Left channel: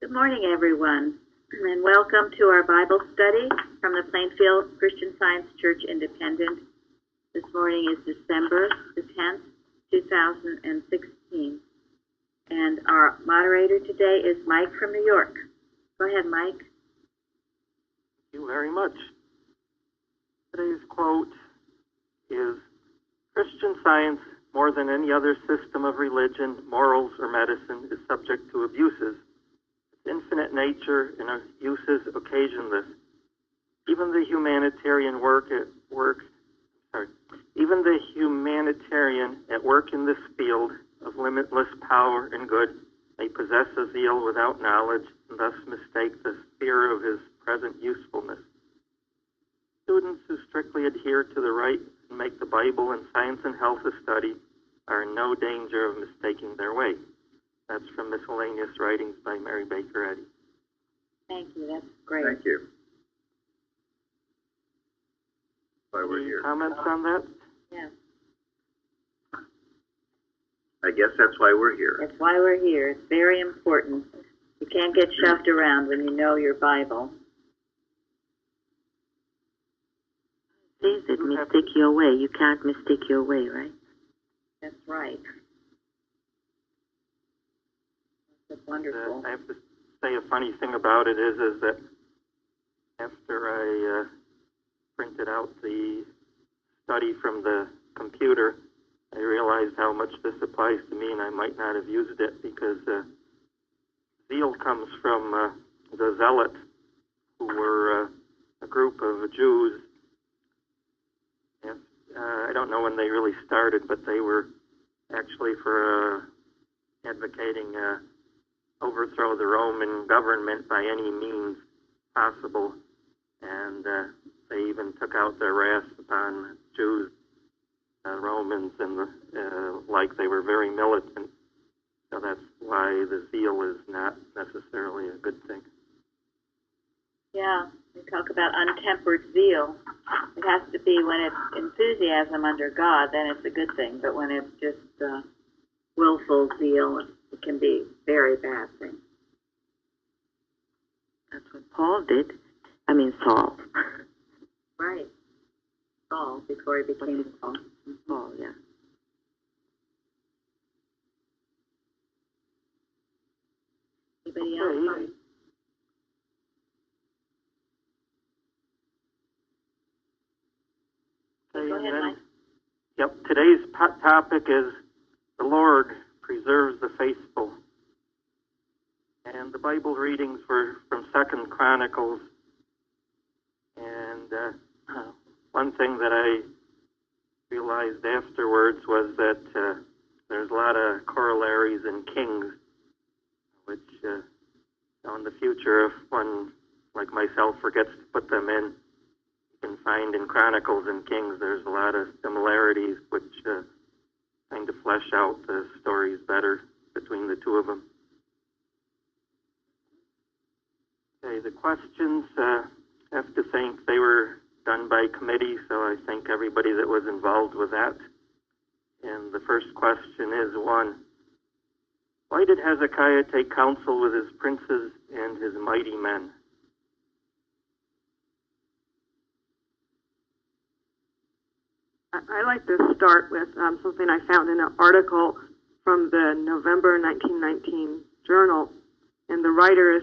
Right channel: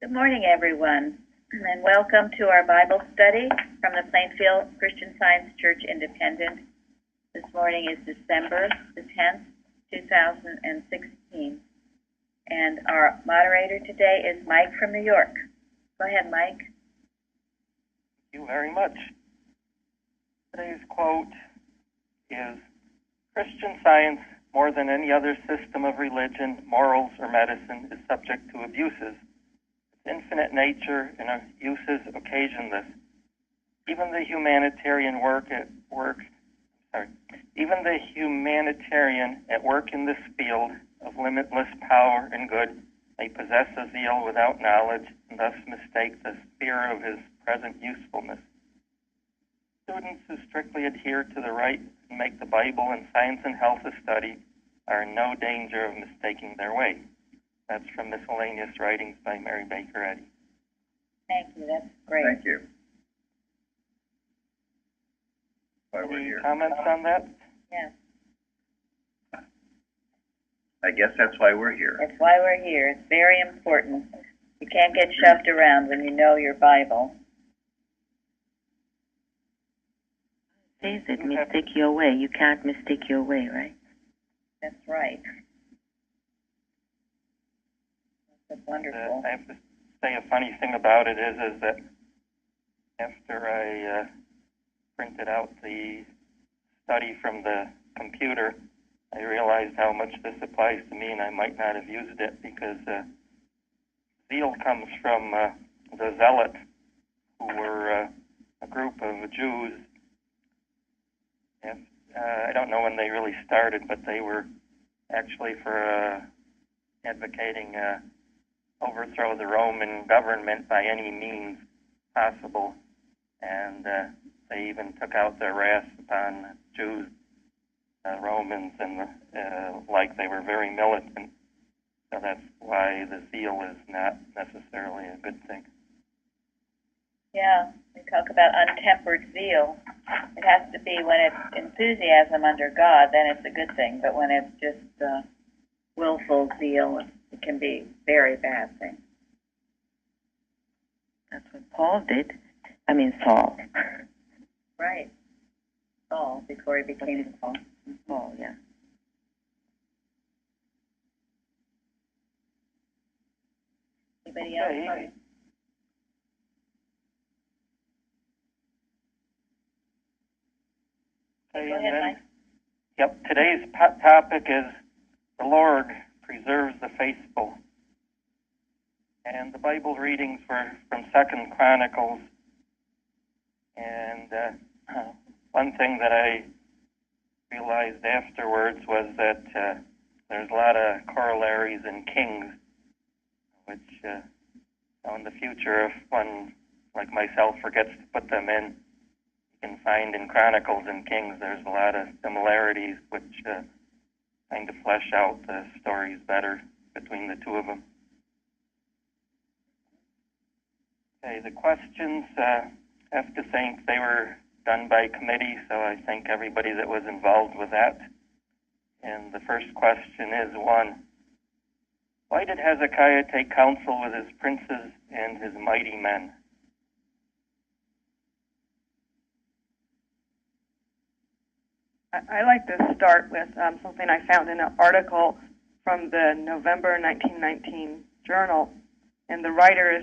Good morning, everyone, and welcome to our Bible study from the Plainfield Christian Science Church Independent. This morning is December the 10th, 2016, and our moderator today is Mike from New York. Go ahead, Mike. Thank you very much. Today's quote is, "Christian science, more than any other system of religion, morals, or medicine, is subject to abuses. Its infinite nature and uses occasion this. Even the humanitarian at work in this field of limitless power and good may possess a zeal without knowledge and thus mistake the sphere of his present usefulness. Students who strictly adhere to the right and make the Bible and science and health a study are in no danger of mistaking their way." That's from Miscellaneous Writings by Mary Baker Eddy. Thank you. That's great. Thank you. Why we're Any here. comments on that? Yes, I guess that's why we're here. that's why we're here. It's very important. You can't get shoved around when you know your Bible. Says it, mistake your way. You can't mistake your way, right? That's right. That's wonderful. I have to say a funny thing about it is that after I printed out the study from the computer, I realized how much this applies to me, and I might not have used it because zeal comes from the Zealots, who were a group of Jews. I don't know when they really started, but they were actually for advocating overthrow the Roman government by any means possible, and they even took out their wrath upon Jews, Romans, and like they were very militant. So that's why the zeal is not necessarily a good thing. Yeah, we talk about untempered zeal. It has to be when it's enthusiasm under God, then it's a good thing. But when it's just willful zeal, it can be a very bad thing. That's what Paul did. Saul. Right. Saul, before he became Saul. Paul, yeah. Anybody else? Okay. Go ahead, Mike. Yep, today's topic is the Lord preserves the faithful. And the Bible readings were from 2 Chronicles. And one thing that I realized afterwards was that there's a lot of corollaries in Kings, which in the future, if one like myself forgets to put them in, you can find in Chronicles and Kings there's a lot of similarities which kind of flesh out the stories better between the two of them. Okay, the questions, have to think they were done by committee, so I thank everybody that was involved with that. And the first question is 1. Why did Hezekiah take counsel with his princes and his mighty men? I like to start with something I found in an article from the November 1919 journal, and the writer is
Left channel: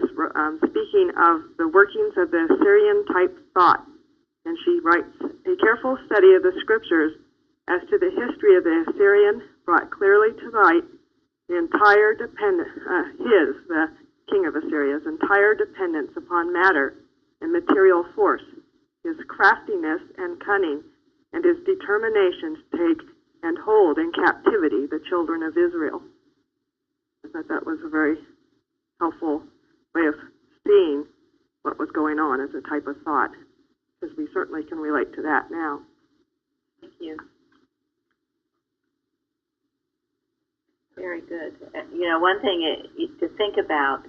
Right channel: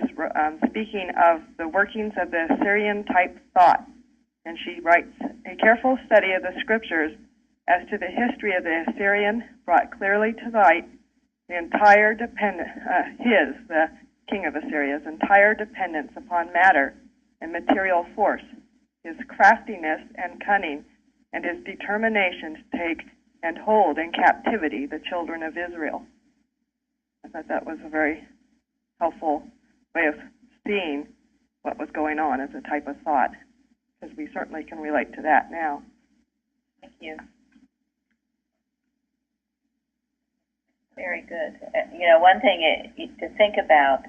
speaking of the workings of the Assyrian-type thought, and she writes, "A careful study of the scriptures as to the history of the Assyrian brought clearly to light the entire the king of Assyria's entire dependence upon matter and material force, his craftiness and cunning, and his determination to take and hold in captivity the children of Israel." I thought that was a very helpful way of seeing what was going on as a type of thought, because we certainly can relate to that now. Thank you. Very good. One thing to think about,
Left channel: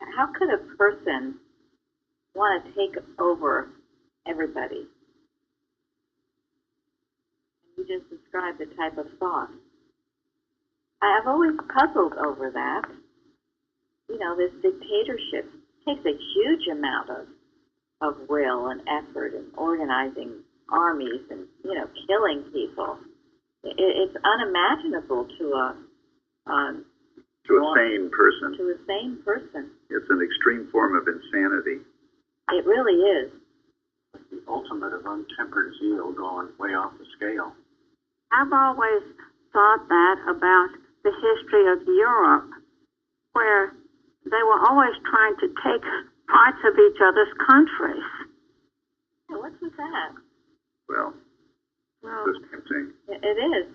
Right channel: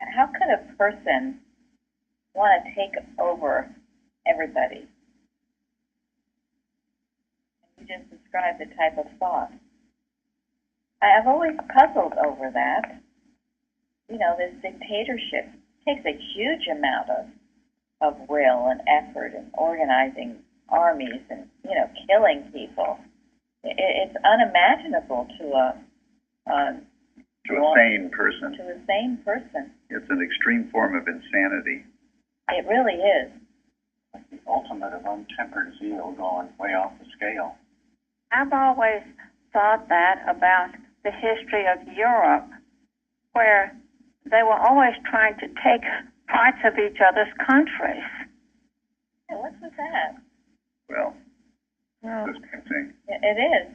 how could a person want to take over everybody? You just described the type of thought. I've always puzzled over that. this dictatorship takes a huge amount of will and effort and organizing armies and, killing people. It's unimaginable to a sane person. To a sane person. It's an extreme form of insanity. It really is. The ultimate of untempered zeal going way off the scale. I've always thought that about the history of Europe, where they were always trying to take parts of each other's countries. Yeah, what's with that? Well, the same thing. It is.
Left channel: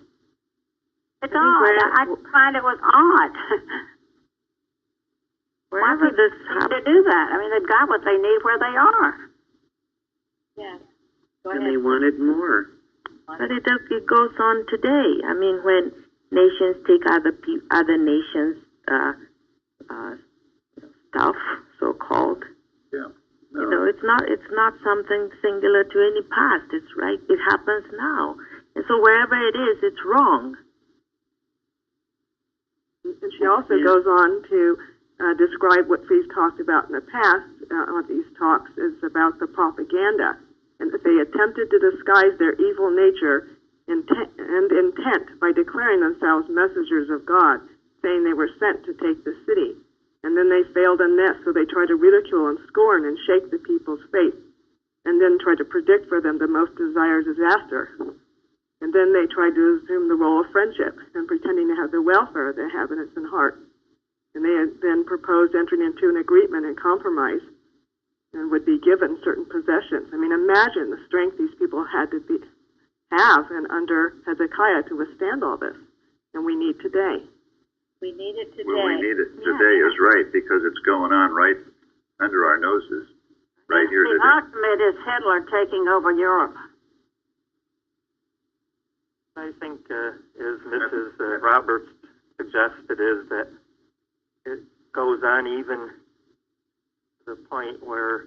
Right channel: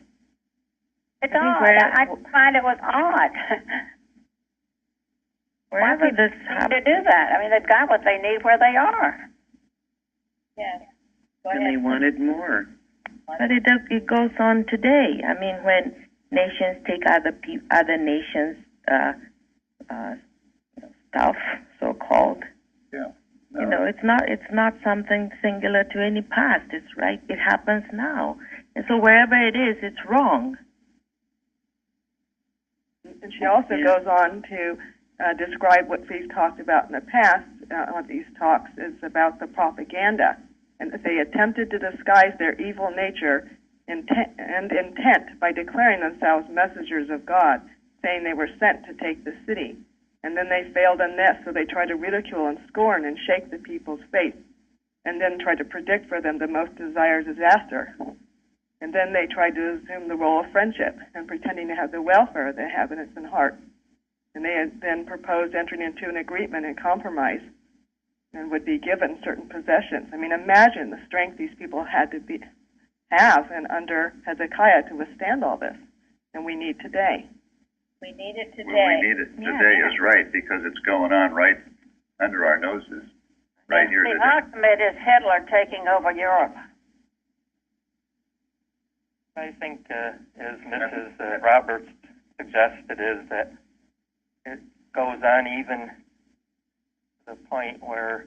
It's odd. I find it was odd. Wherever Why this to do that? I mean, they've got what they need where they are. Yeah. And they wanted more. But it goes on today. I mean, when nations take other nations' stuff, so-called. Yeah. No. It's not something singular to any past. It's right. It happens now, and so wherever it is, it's wrong. And she also goes on to describe what we've talked about in the past on these talks is about the propaganda, and that they attempted to disguise their evil nature and intent by declaring themselves messengers of God, saying they were sent to take the city. And then they failed in this, so they tried to ridicule and scorn and shake the people's faith, and then tried to predict for them the most desired disaster. And then they tried to assume the role of friendship and pretending to have the welfare of the inhabitants in heart. And they had then proposed entering into an agreement and compromise and would be given certain possessions. I mean, imagine the strength these people had to have and under Hezekiah to withstand all this. And we need today. We need it today. Well, we need it today is right, because it's going on right under our noses, right here the today. ultimate is Hitler taking over Europe. I think, as Mrs. Roberts suggested, is that it goes on even to the point where,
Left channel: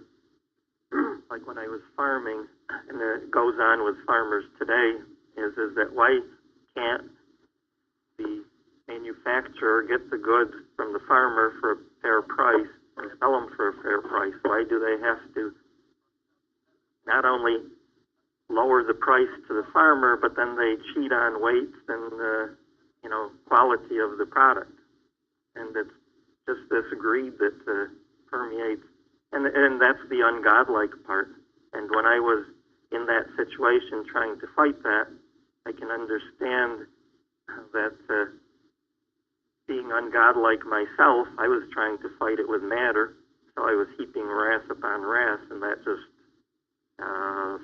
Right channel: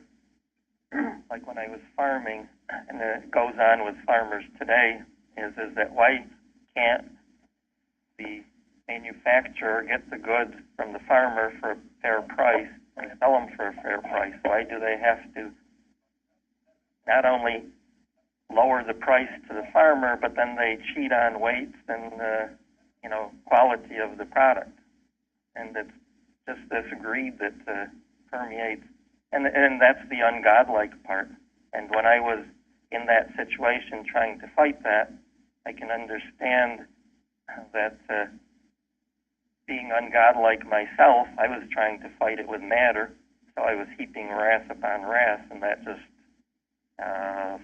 like when I was farming, and it goes on with farmers today, is that why can't the manufacturer get the goods from the farmer for a fair price and sell them for a fair price? Why do they have to not only lower the price to the farmer, but then they cheat on weights and quality of the product? And it's just this greed that permeates, and that's the ungodlike part. And when I was in that situation trying to fight that, I can understand that being ungodlike myself, I was trying to fight it with matter, so I was heaping wrath upon wrath, and that just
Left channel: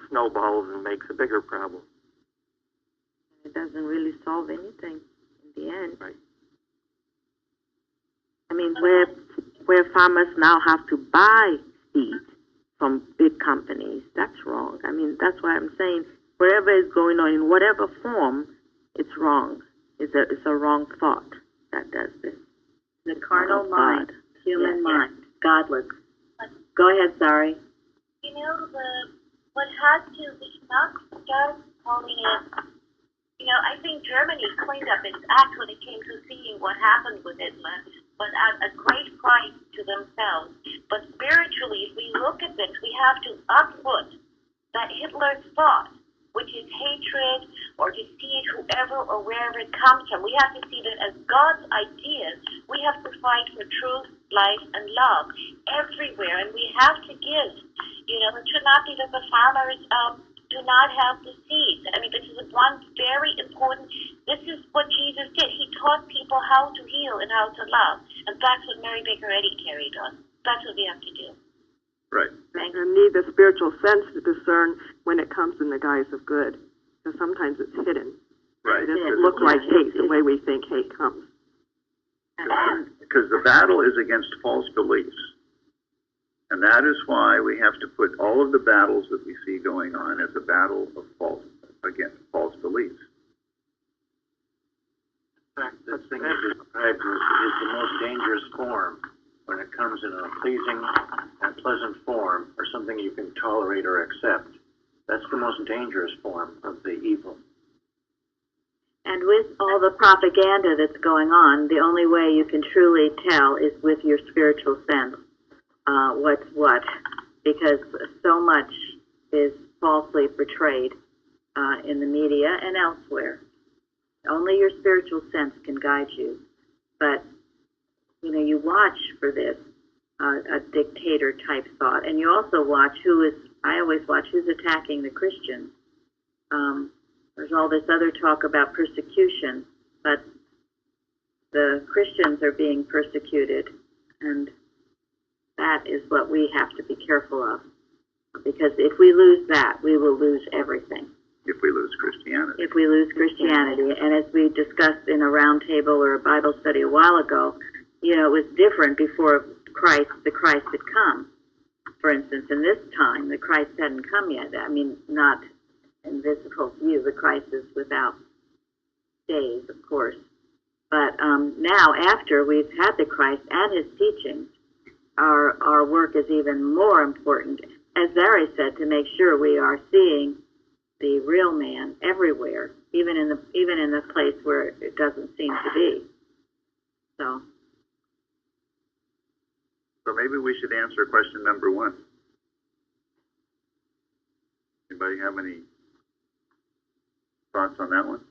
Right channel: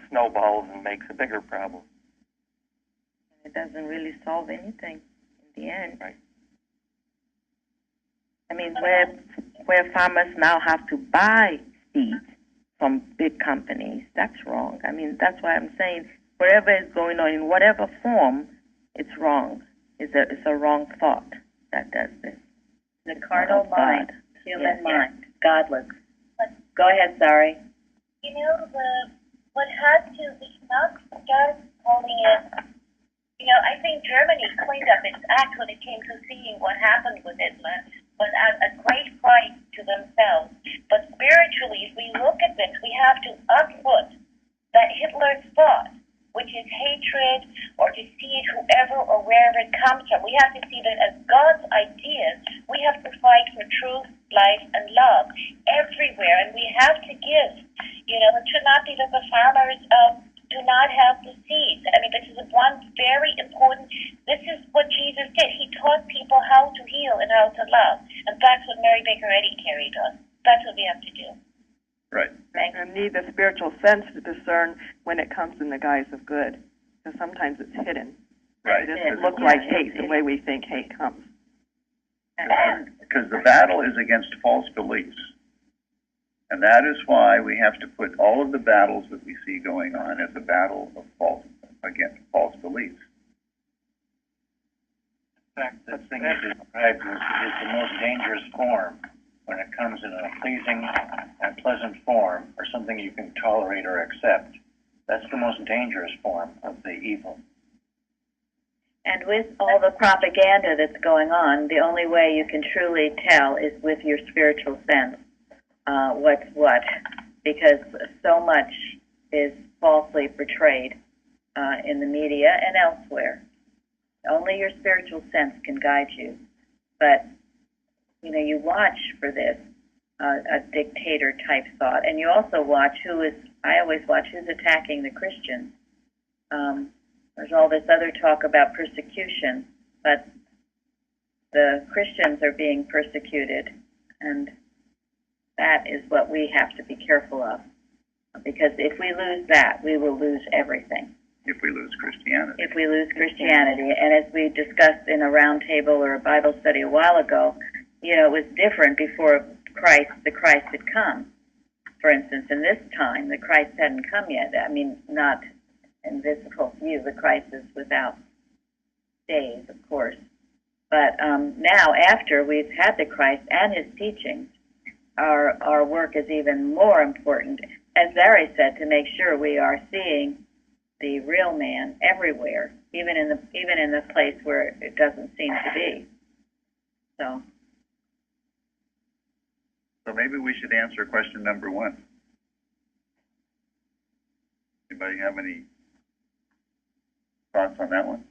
snowballs and makes a bigger problem. It doesn't really solve anything in the end. Right. I mean, where farmers now have to buy seeds from big companies, that's wrong. I mean, that's why I'm saying wherever it's going on, in whatever form, it's wrong. It's a wrong thought that does this. The carnal mind, human Yes. mind, godless. Go ahead, sorry. What has to, we cannot start calling it, I think Germany cleaned up its act when it came to seeing what happened with Hitler, but at a great price to themselves. But spiritually, if we look at this, we have to uproot that Hitler's thought, which is hatred or deceit, whoever or wherever it comes from. We have to see that as God's ideas. We have to fight for truth, life, and love everywhere, and we have to give. It should not be that the farmers do not have the seeds. I mean, this is one very important, this is what Jesus did. He taught people how to heal and how to love, and that's what Mary Baker Eddy carried on. That's what we have to do. Right. And need the spiritual sense to discern when it comes in the guise of good, because sometimes it's hidden. Right. It doesn't look like hate the way we think hate comes. Because the battle is against false beliefs. And that is why we have to put all of the battles that we see going on as a battle of against false beliefs. In fact, the thing you described is the most dangerous form when it comes in a pleasing and pleasant form, or something you can tolerate or accept. That's the most dangerous form of the evil. And with all the propaganda that's going on, the only way you can truly tell is with your spiritual sense what's what, because so much is falsely portrayed in the media and elsewhere. Only your spiritual sense can guide you. But, you know, you watch for this, a dictator-type thought, and you also watch I always watch who's attacking the Christians. There's all this other talk about persecution, but the Christians are being persecuted, and that is what we have to be careful of. Because if we lose that, we will lose everything. If we lose Christianity. If we lose Christianity. And as we discussed in a round table or a Bible study a while ago, you know, it was different before the Christ had come. For instance, in this time, the Christ hadn't come yet. I mean, not in visible view. The Christ is without days, of course. But now, after we've had the Christ and his teachings, our work is even more important, as Larry said, to make sure we are seeing the real man everywhere, even in the place where it doesn't seem to be. So maybe we should answer question number 1. Anybody have any thoughts on that one?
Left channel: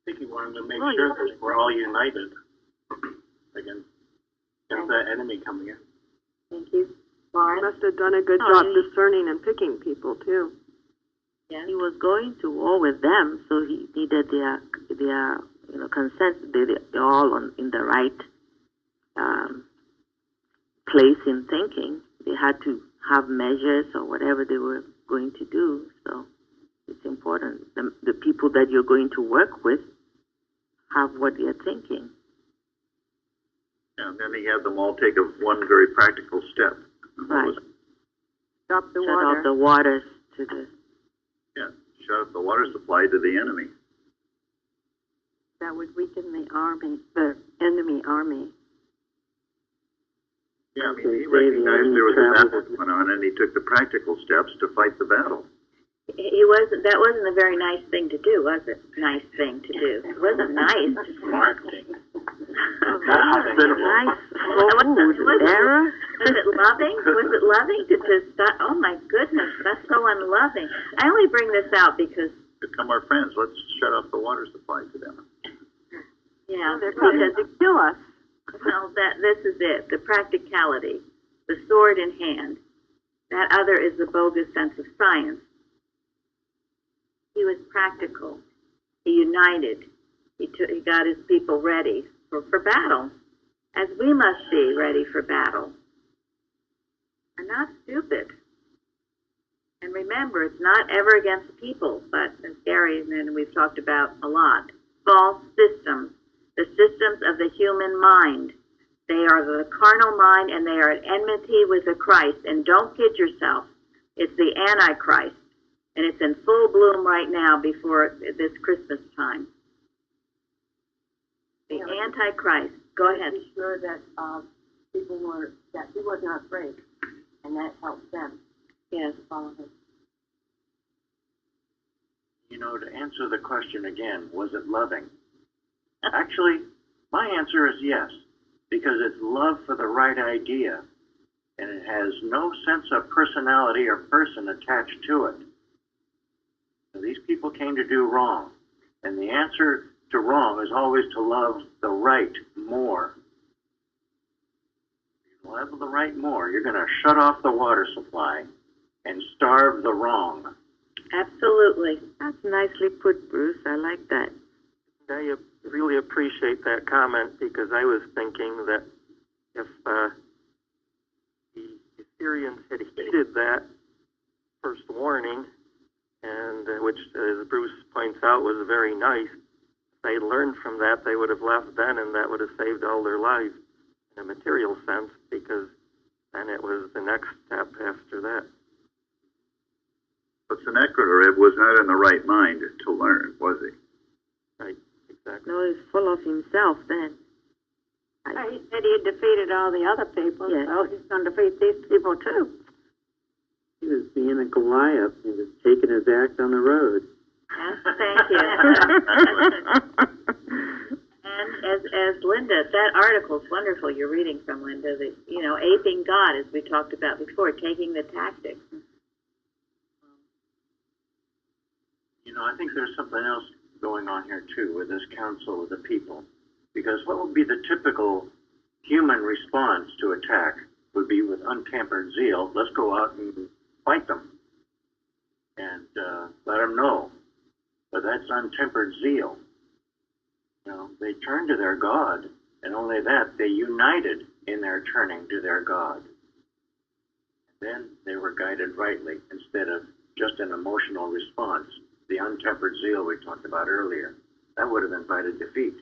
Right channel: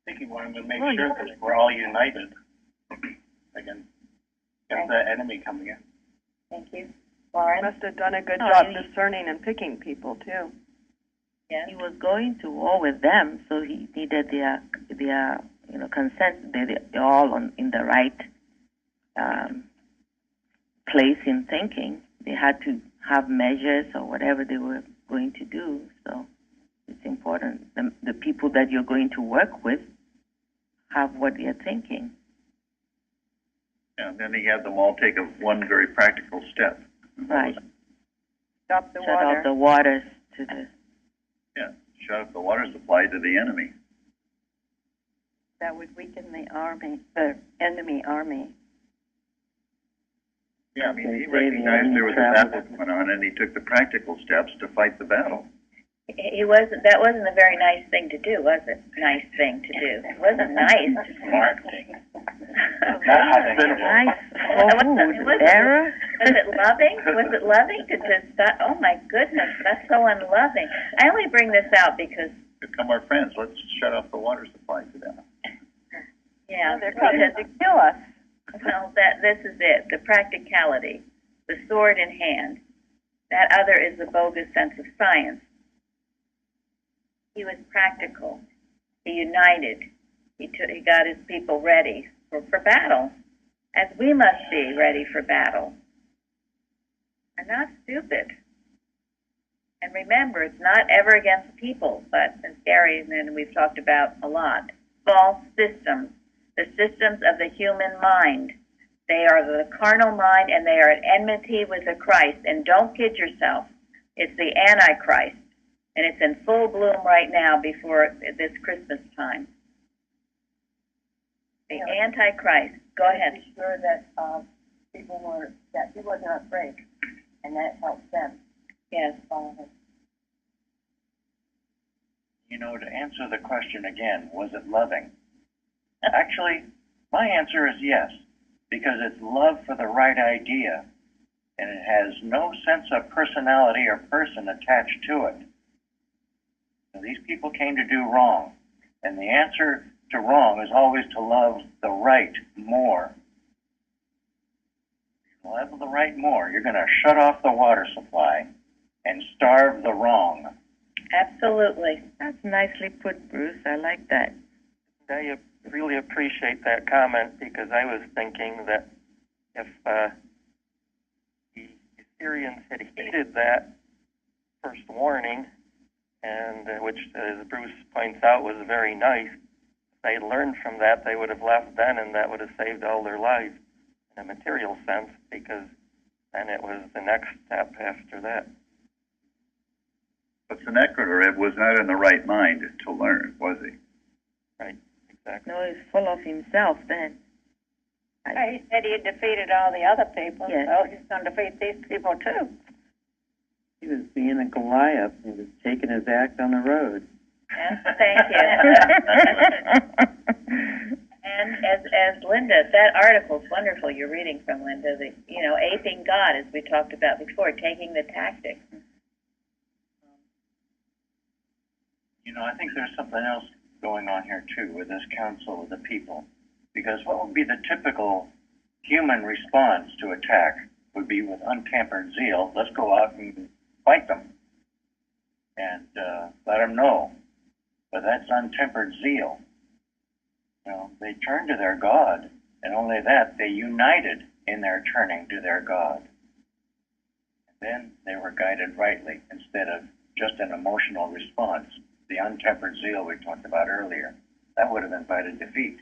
I think he wanted to make sure that we're all united against the enemy coming in. Thank you. He Lauren? must have done a good job discerning and picking people, too. Yes. He was going to war with them, so he needed their consent. They're all in the right place in thinking. They had to have measures or whatever they were going to do. So it's important. The people that you're going to work with have what they're thinking. Yeah, and then he had them all take one very practical step. Right. Stop the Shut water. off the waters to the... Yeah, shut off the water supply to the enemy. That would weaken the enemy army. Yeah, I mean, he recognized there was a battle going on, and he took the practical steps to fight the battle. That wasn't a very nice thing to do, was it? Nice thing to do. It wasn't nice. Smart thing. Nice food. Sarah? Was it loving? Was it loving to just stop? Oh my goodness, that's so unloving. I only bring this out because Become our friends. Let's shut off the water supply to them. They're coming to kill us. Well, this is it. The practicality, the sword in hand. That other is the bogus sense of science. He was practical. He united. He got his people ready for battle, as we must be ready for battle. And not stupid. And remember, it's not ever against people, but as Gary and we've talked about a lot, false systems, the systems of the human mind. They are the carnal mind, and they are at enmity with the Christ. And don't kid yourself. It's the Antichrist. And it's in full bloom right now before this Christmas time. The Antichrist. Go ahead. Be sure that that he wasn't afraid, and that helped them. Yes. Follow him. You know, to answer the question again, was it loving? Actually, my answer is yes, because it's love for the right idea, and it has no sense of personality or person attached to it. So these people came to do wrong, and the answer to wrong is always to love the right more. If you love the right more, you're going to shut off the water supply and starve the wrong. Absolutely. That's nicely put, Bruce. I like that. I really appreciate that comment, because I was thinking that if the Assyrians had heeded that first warning, and which, as Bruce points out, was very nice, if they learned from that, they would have left then, and that would have saved all their lives in a material sense, because then it was the next step after that. But Sennacherib was not in the right mind to learn, was he? Right, exactly. No, he's full of himself then. He said he had defeated all the other people, Yes. so he's going to defeat these people too. He was being a Goliath. He was taking his act on the road. Yes, thank you. And as Linda, that article's wonderful. You're reading from Linda. Aping God, as we talked about before, taking the tactics. I think there's something else going on here too with this council of the people, because what would be the typical human response to attack would be with untampered zeal. Let's go out and fight them and let them know. But that's untempered zeal. They turned to their God, and only that, they united in their turning to their God. Then they were guided rightly instead of just an emotional response. The untempered zeal we talked about earlier, that would have invited defeat.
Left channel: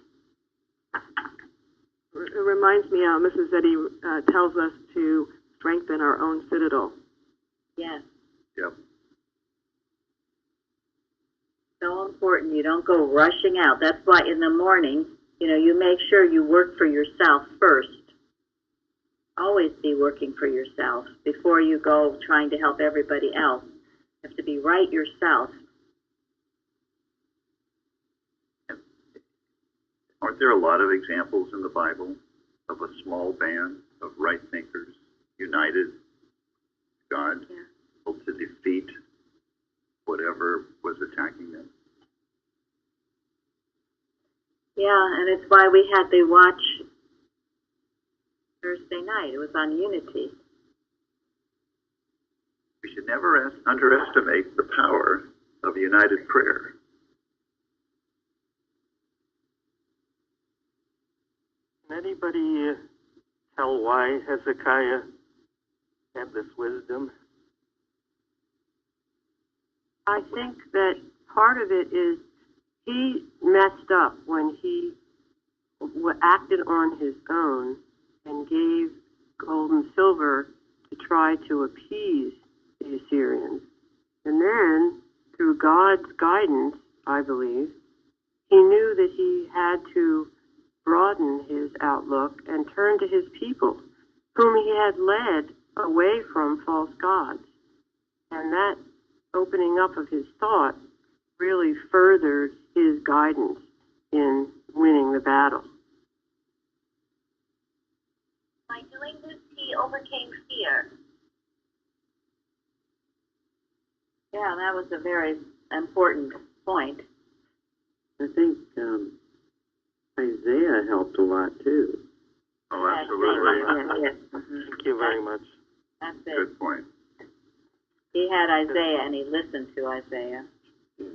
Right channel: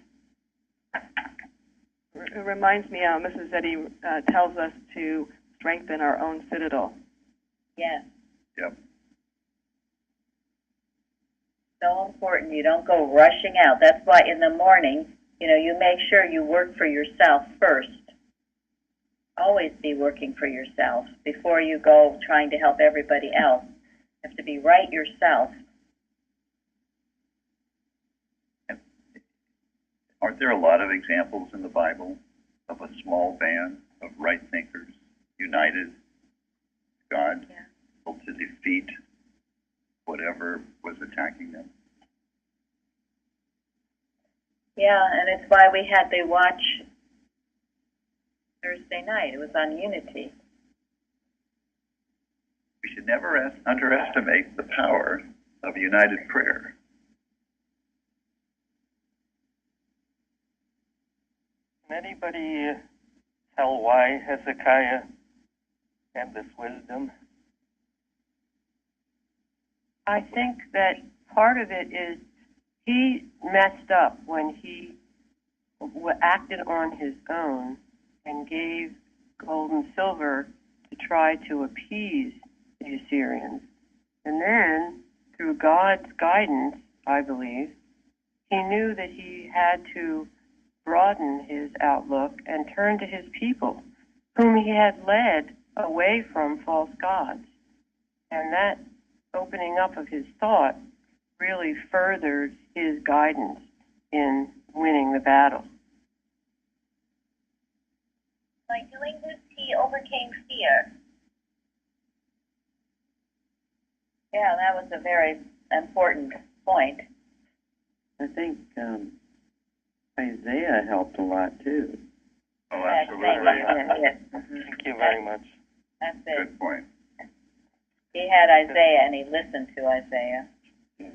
It reminds me, Mrs. Eddy tells us to strengthen our own citadel. Yes. Yep. So important. You don't go rushing out. That's why in the morning, you make sure you work for yourself first. Always be working for yourself before you go trying to help everybody else. You have to be right yourself. Aren't there a lot of examples in the Bible of a small band of right thinkers united God to defeat whatever was attacking them? Yeah, and it's why we had the watch Thursday night. It was on unity. We should never underestimate the power of united prayer. Can anybody tell why Hezekiah had this wisdom? I think that part of it is he messed up when he acted on his own and gave gold and silver to try to appease the Assyrians. And then, through God's guidance, I believe, he knew that he had to broaden his outlook and turn to his people, whom he had led away from false gods. And that opening up of his thought really furthered his guidance in winning the battle. By doing this, he overcame fear. Yeah, that was a very important point. I think Isaiah helped a lot too. Oh, absolutely. Thank you very much. That's it. Good point. He had Isaiah, and he listened to Isaiah. He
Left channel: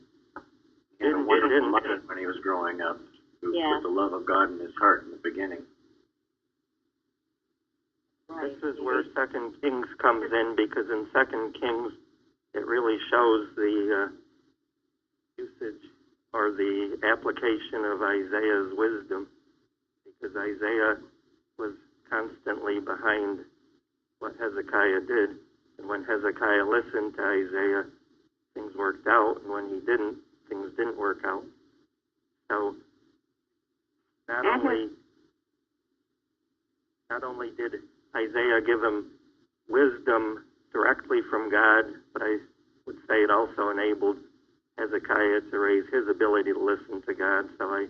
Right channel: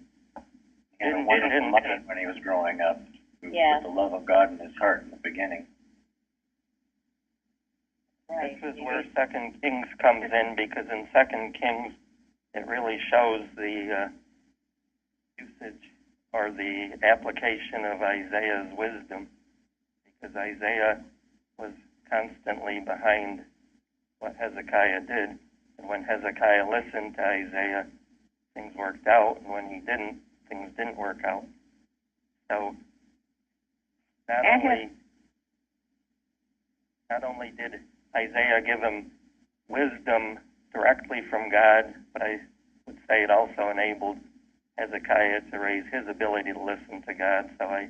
had a wonderful mother when he was growing up, who put the love of God in his heart in the beginning. Right. This is where 2 Kings comes in, because in 2 Kings it really shows the usage or the application of Isaiah's wisdom, because Isaiah was constantly behind what Hezekiah did. And when Hezekiah listened to Isaiah, things worked out, and when he didn't, things didn't work out. So not only did Isaiah give him wisdom directly from God, but I would say it also enabled Hezekiah to raise his ability to listen to God. So I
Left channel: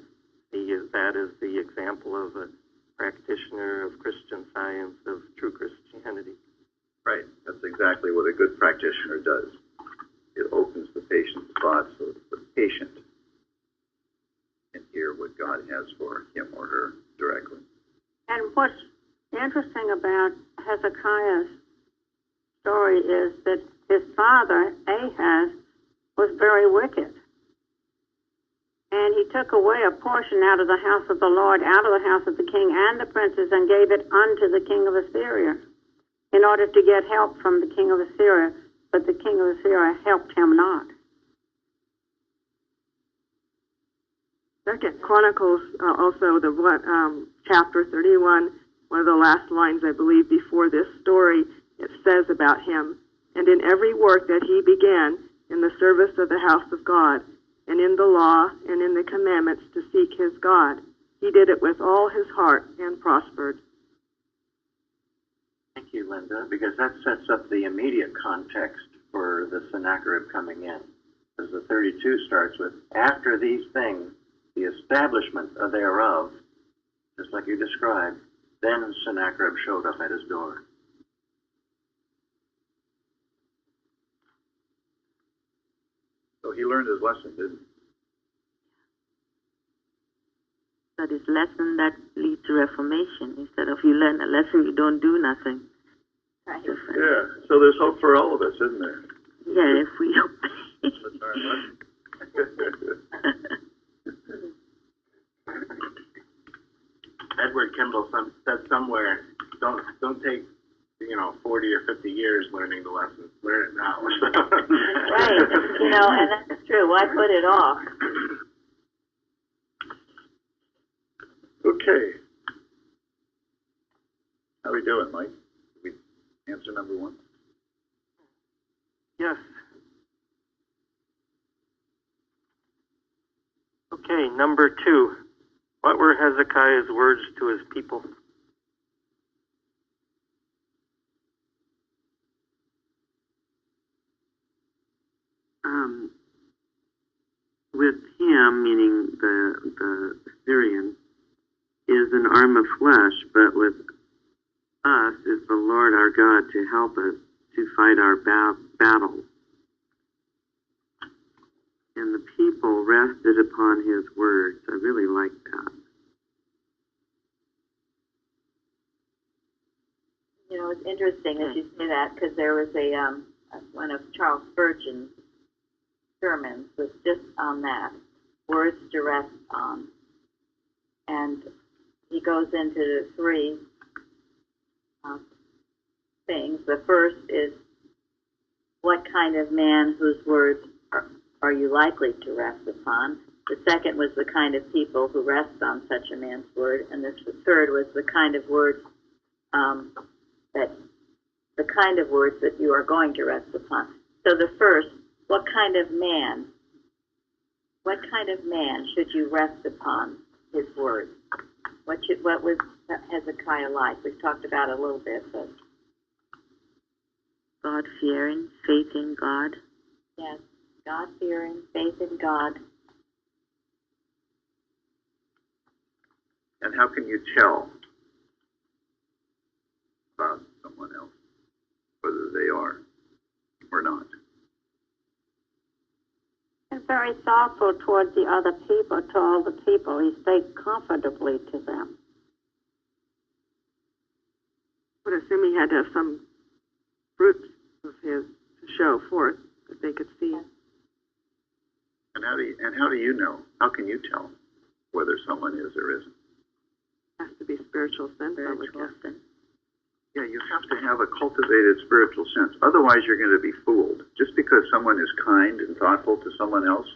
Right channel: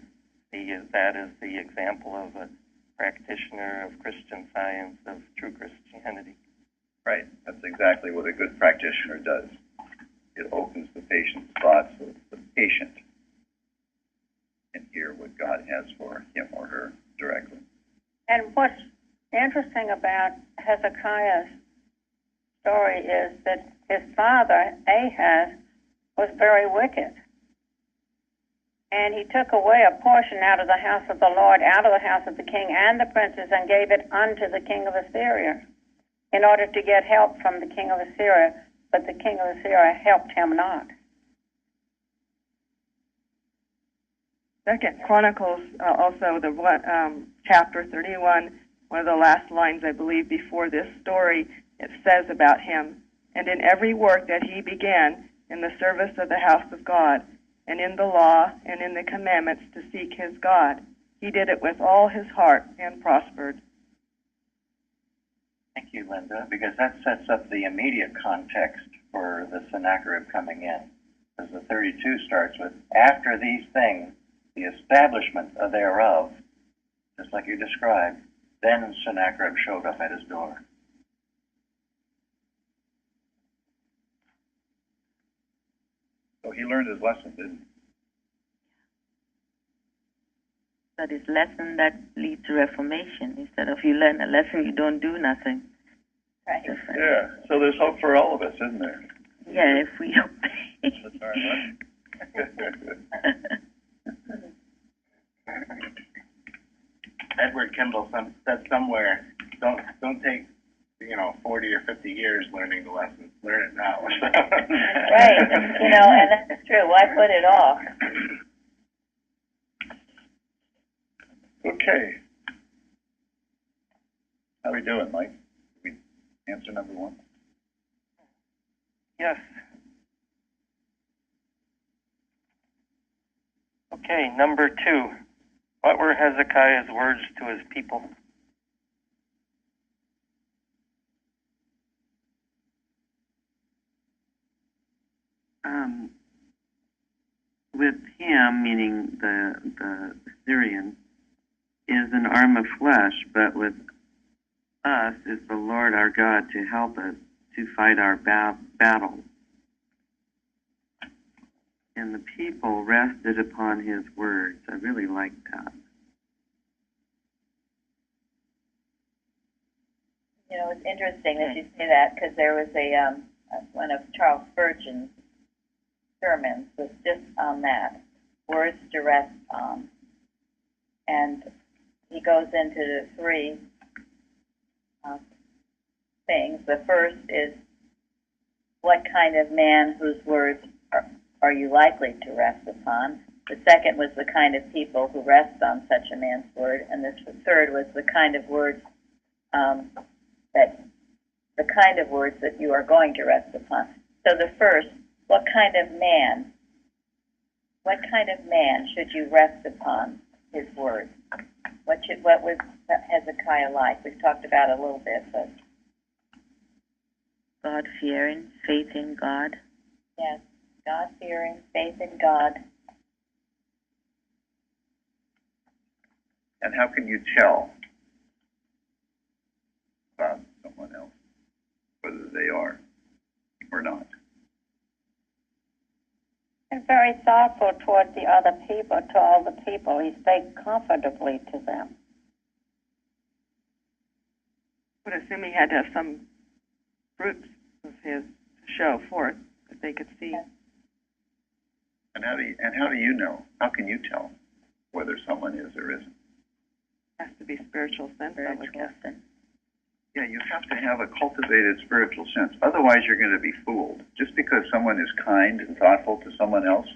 see that as the example of a practitioner of Christian Science, of true Christianity. Right. That's exactly what a good practitioner does. It opens the patient's thoughts so that the patient can hear what God has for him or her directly. And what's interesting about Hezekiah's story is that his father, Ahaz, was very wicked. And he took away a portion out of the house of the Lord, out of the house of the king and the princes, and gave it unto the king of Assyria in order to get help from the king of Assyria. But the king of Assyria helped him not. Second Chronicles, also the chapter 31, one of the last lines, I believe, before this story, it says about him, and in every work that he began in the service of the house of God, and in the law and in the commandments to seek his God, he did it with all his heart and prospered. Thank you, Linda, because that sets up the immediate context for the Sennacherib coming in. As the 32 starts with, after these things, the establishment thereof, just like you described, then Sennacherib showed up at his door. So he learned his lesson, didn't he? That is lesson that leads to reformation. Instead of you learn a lesson, you don't do nothing. Right. Different. Yeah. So there's hope for all of us, isn't there? Yeah, if we obey. That's our lesson. Edward Kimball said somewhere, don't take 40 or 50 years learning the lesson. Learn it now. Right. And that's true. Why put it off? Okay. How we doing, Mike? Did we answer number one? Yes. Okay, number 2. What were Hezekiah's words to his people? With him, meaning the Syrian, is an arm of flesh, but with us is the Lord our God to help us to fight our battles. And the people rested upon his words. I really like that. It's interesting that you say that because there was one of Charles Spurgeon's sermons was just on that, words to rest on. And he goes into the 3 things. The first is, what kind of man whose words are you likely to rest upon? The second was the kind of people who rest on such a man's word. And the third was the kind of words that you are going to rest upon. So the first, what kind of man should you rest upon his word? What was Hezekiah like? We've talked about it a little bit, but God-fearing, faith in God. yes, God-fearing, faith in God. And how can you tell about someone else, whether they are or not? And very thoughtful toward the other people, to all the people. He spake comfortably to them. Would assume he had to have some fruits of his to show forth that they could see. And how do you know? How can you tell whether someone is or isn't? Has to be spiritual sense, I would guess. Yeah, you have to have a cultivated spiritual sense. Otherwise, you're going to be fooled. Just because someone is kind and thoughtful to someone else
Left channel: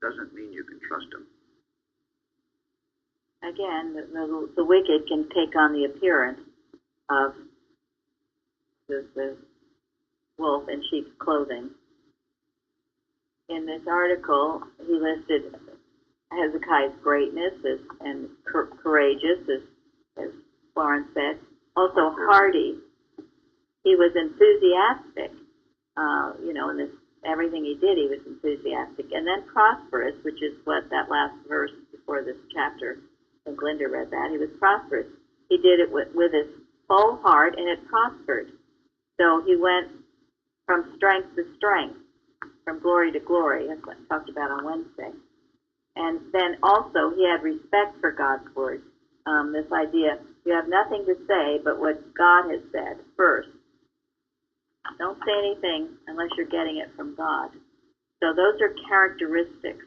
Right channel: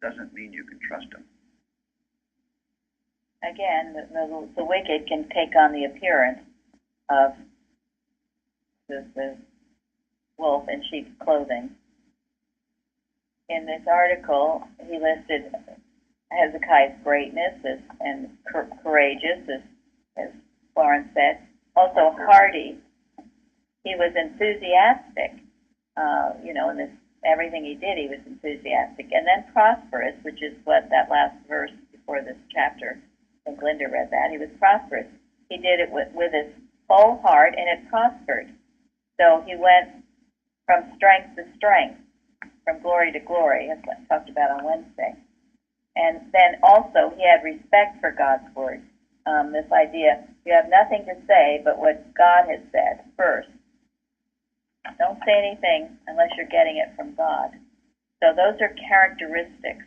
doesn't mean you can trust them. Again, the wicked can take on the appearance of the wolf in sheep's clothing. In this article, he listed Hezekiah's greatness and courageous, as Florence said, also hardy. He was enthusiastic, in this everything he did, he was enthusiastic, and then prosperous, which is what that last verse before this chapter. I think Linda read that. He was prosperous. He did it with his whole heart, and it prospered. So he went from strength to strength, from glory to glory, as I talked about on Wednesday. And then also he had respect for God's word. This idea, you have nothing to say but what God has said first. Don't say anything unless you're getting it from God. So those are characteristics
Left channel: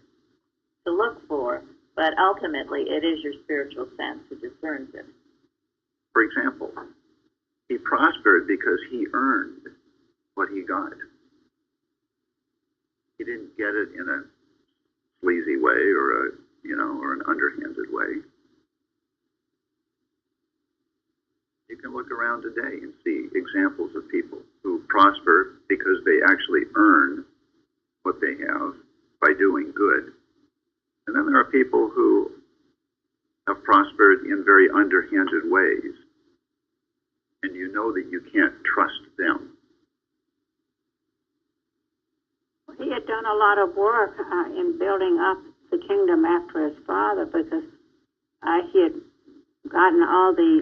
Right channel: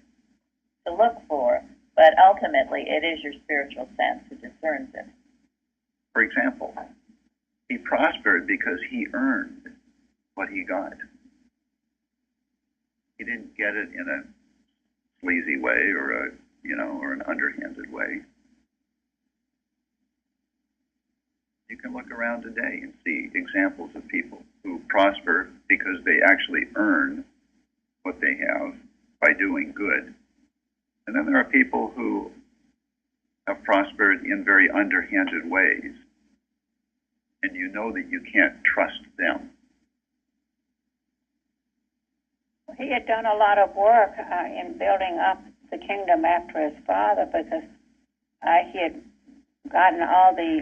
to look for, but ultimately it is your spiritual sense who discerns it. For example, he prospered because he earned what he got. He didn't get it in a sleazy way or an underhanded way. You can look around today and see examples of people who prosper because they actually earn what they have by doing good. And then there are people who have prospered in very underhanded ways, and you know that you can't trust them. he had done a lot of work in building up the kingdom after his father, because he had gotten all the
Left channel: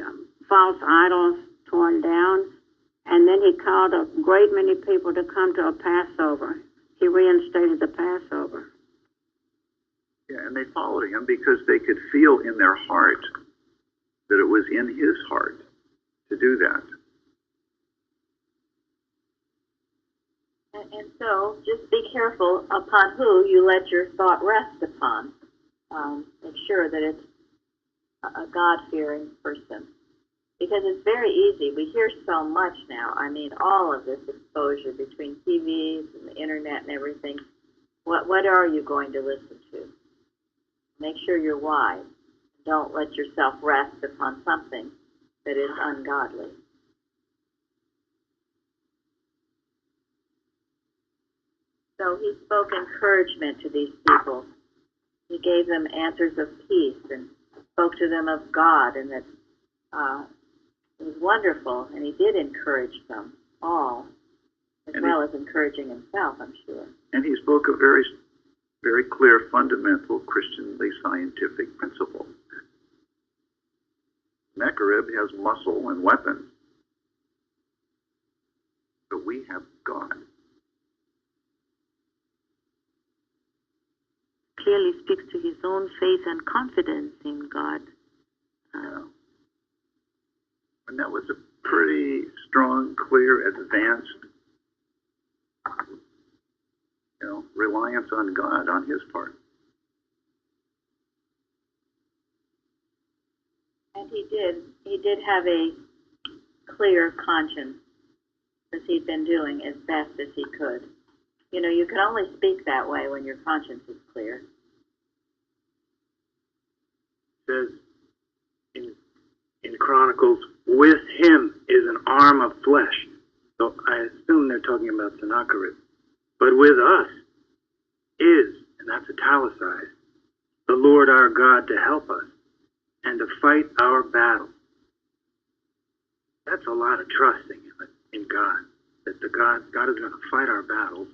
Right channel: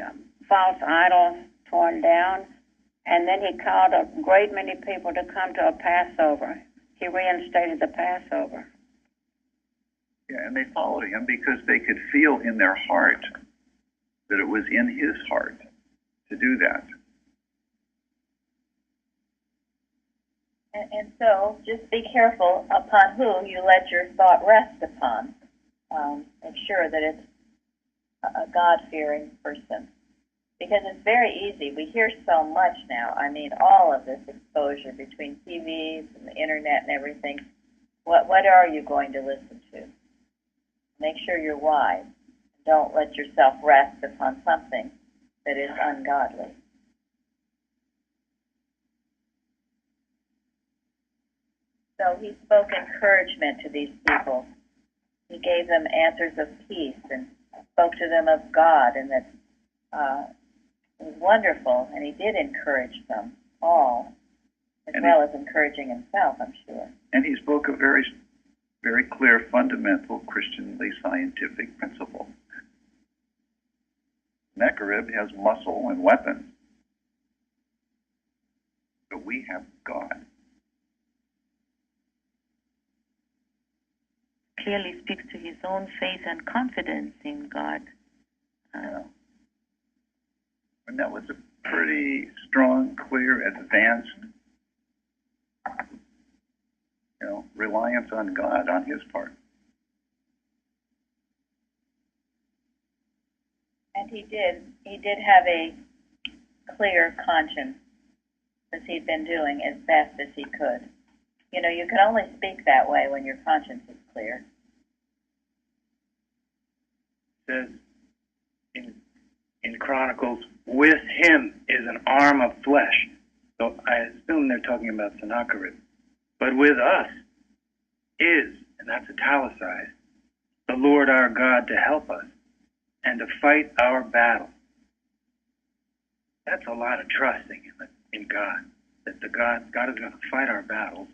false idols torn down, and then he called a great many people to come to a Passover. He reinstated the Passover. Yeah, and they followed him because they could feel in their heart that it was in his heart to do that. And so, just be careful upon who you let your thought rest upon. Make sure that it's a God-fearing person. Because it's very easy. We hear so much now. I mean, all of this exposure between TVs and the internet and everything. What are you going to listen to? Make sure you're wise. Don't let yourself rest upon something that is ungodly. So he spoke encouragement to these people. He gave them answers of peace and spoke to them of God, and that it was wonderful, and he did encourage them all, as well as encouraging himself, I'm sure. And he spoke a very, very clear, fundamental, Christianly scientific principle. Sennacherib has muscle and weapons, but we have God. Clearly speaks to his own faith and confidence in God. And that was a pretty strong, clear, advanced, reliance on God on his part. And he did have a clear conscience, as he'd been doing as best as he could. You know, you can only speak that way when your conscience is clear. It says in Chronicles, with him is an arm of flesh. So I assume they're talking about Sennacherib. But with us is, and that's italicized, the Lord our God to help us and to fight our battle. That's a lot of trusting in God, that God is going to fight our battles.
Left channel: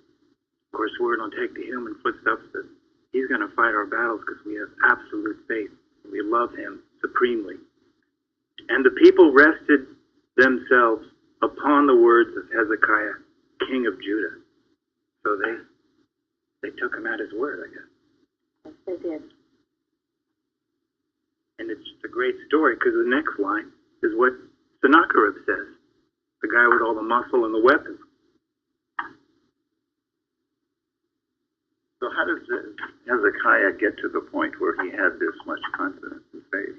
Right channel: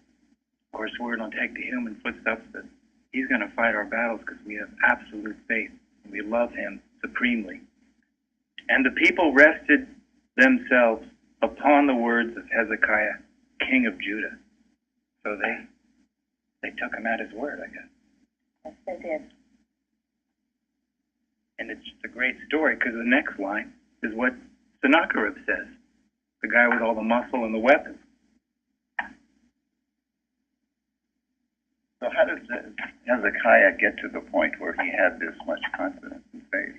Of course, we're going to take the human footsteps, that he's going to fight our battles because we have absolute faith. We love him supremely. And the people rested themselves upon the words of Hezekiah, king of Judah. So they took him at his word, I guess. Yes, they did. And it's a great story because the next line is what Sennacherib says, the guy with all the muscle and the weapons. So how does Hezekiah get to the point where he had this much confidence and faith?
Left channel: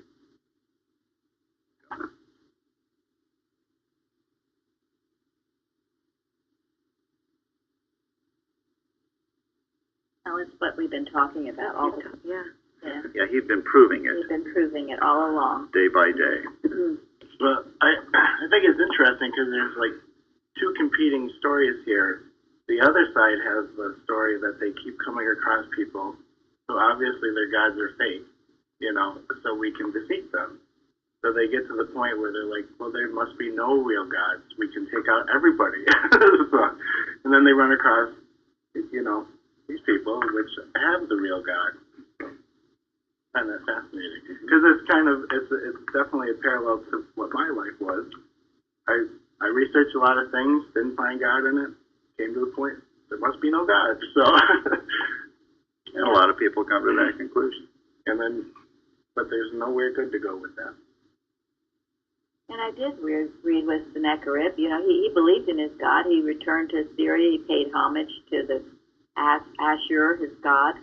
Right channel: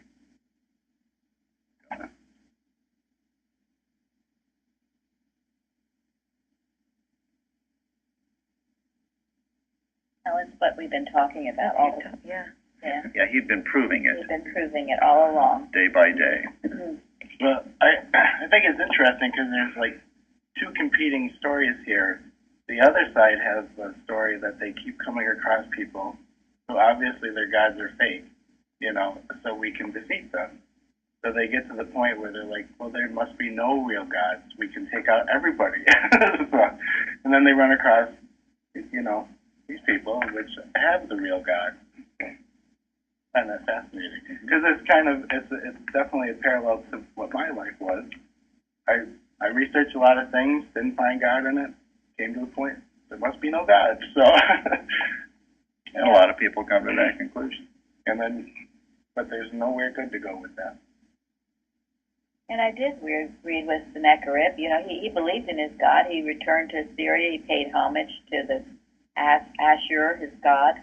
Now it's what we've been talking about all the time. Yeah. Yeah, he'd been proving it. He's been proving it all along. Day by day. Well, I think it's interesting because there's like two competing stories here. The other side has the story that they keep coming across people who obviously their gods are fake, so we can defeat them. So they get to the point where they're like, well, there must be no real gods. We can take out everybody. And then they run across, these people which have the real God. And that's fascinating because it's definitely a parallel to what my life was. I researched a lot of things, didn't find God in it. Came to the point there must be no God. So, and a lot of people come to that conclusion. But there's nowhere good to go with that. And I did read with Sennacherib. He believed in his God. He returned to Syria. He paid homage to the Ashur, his god.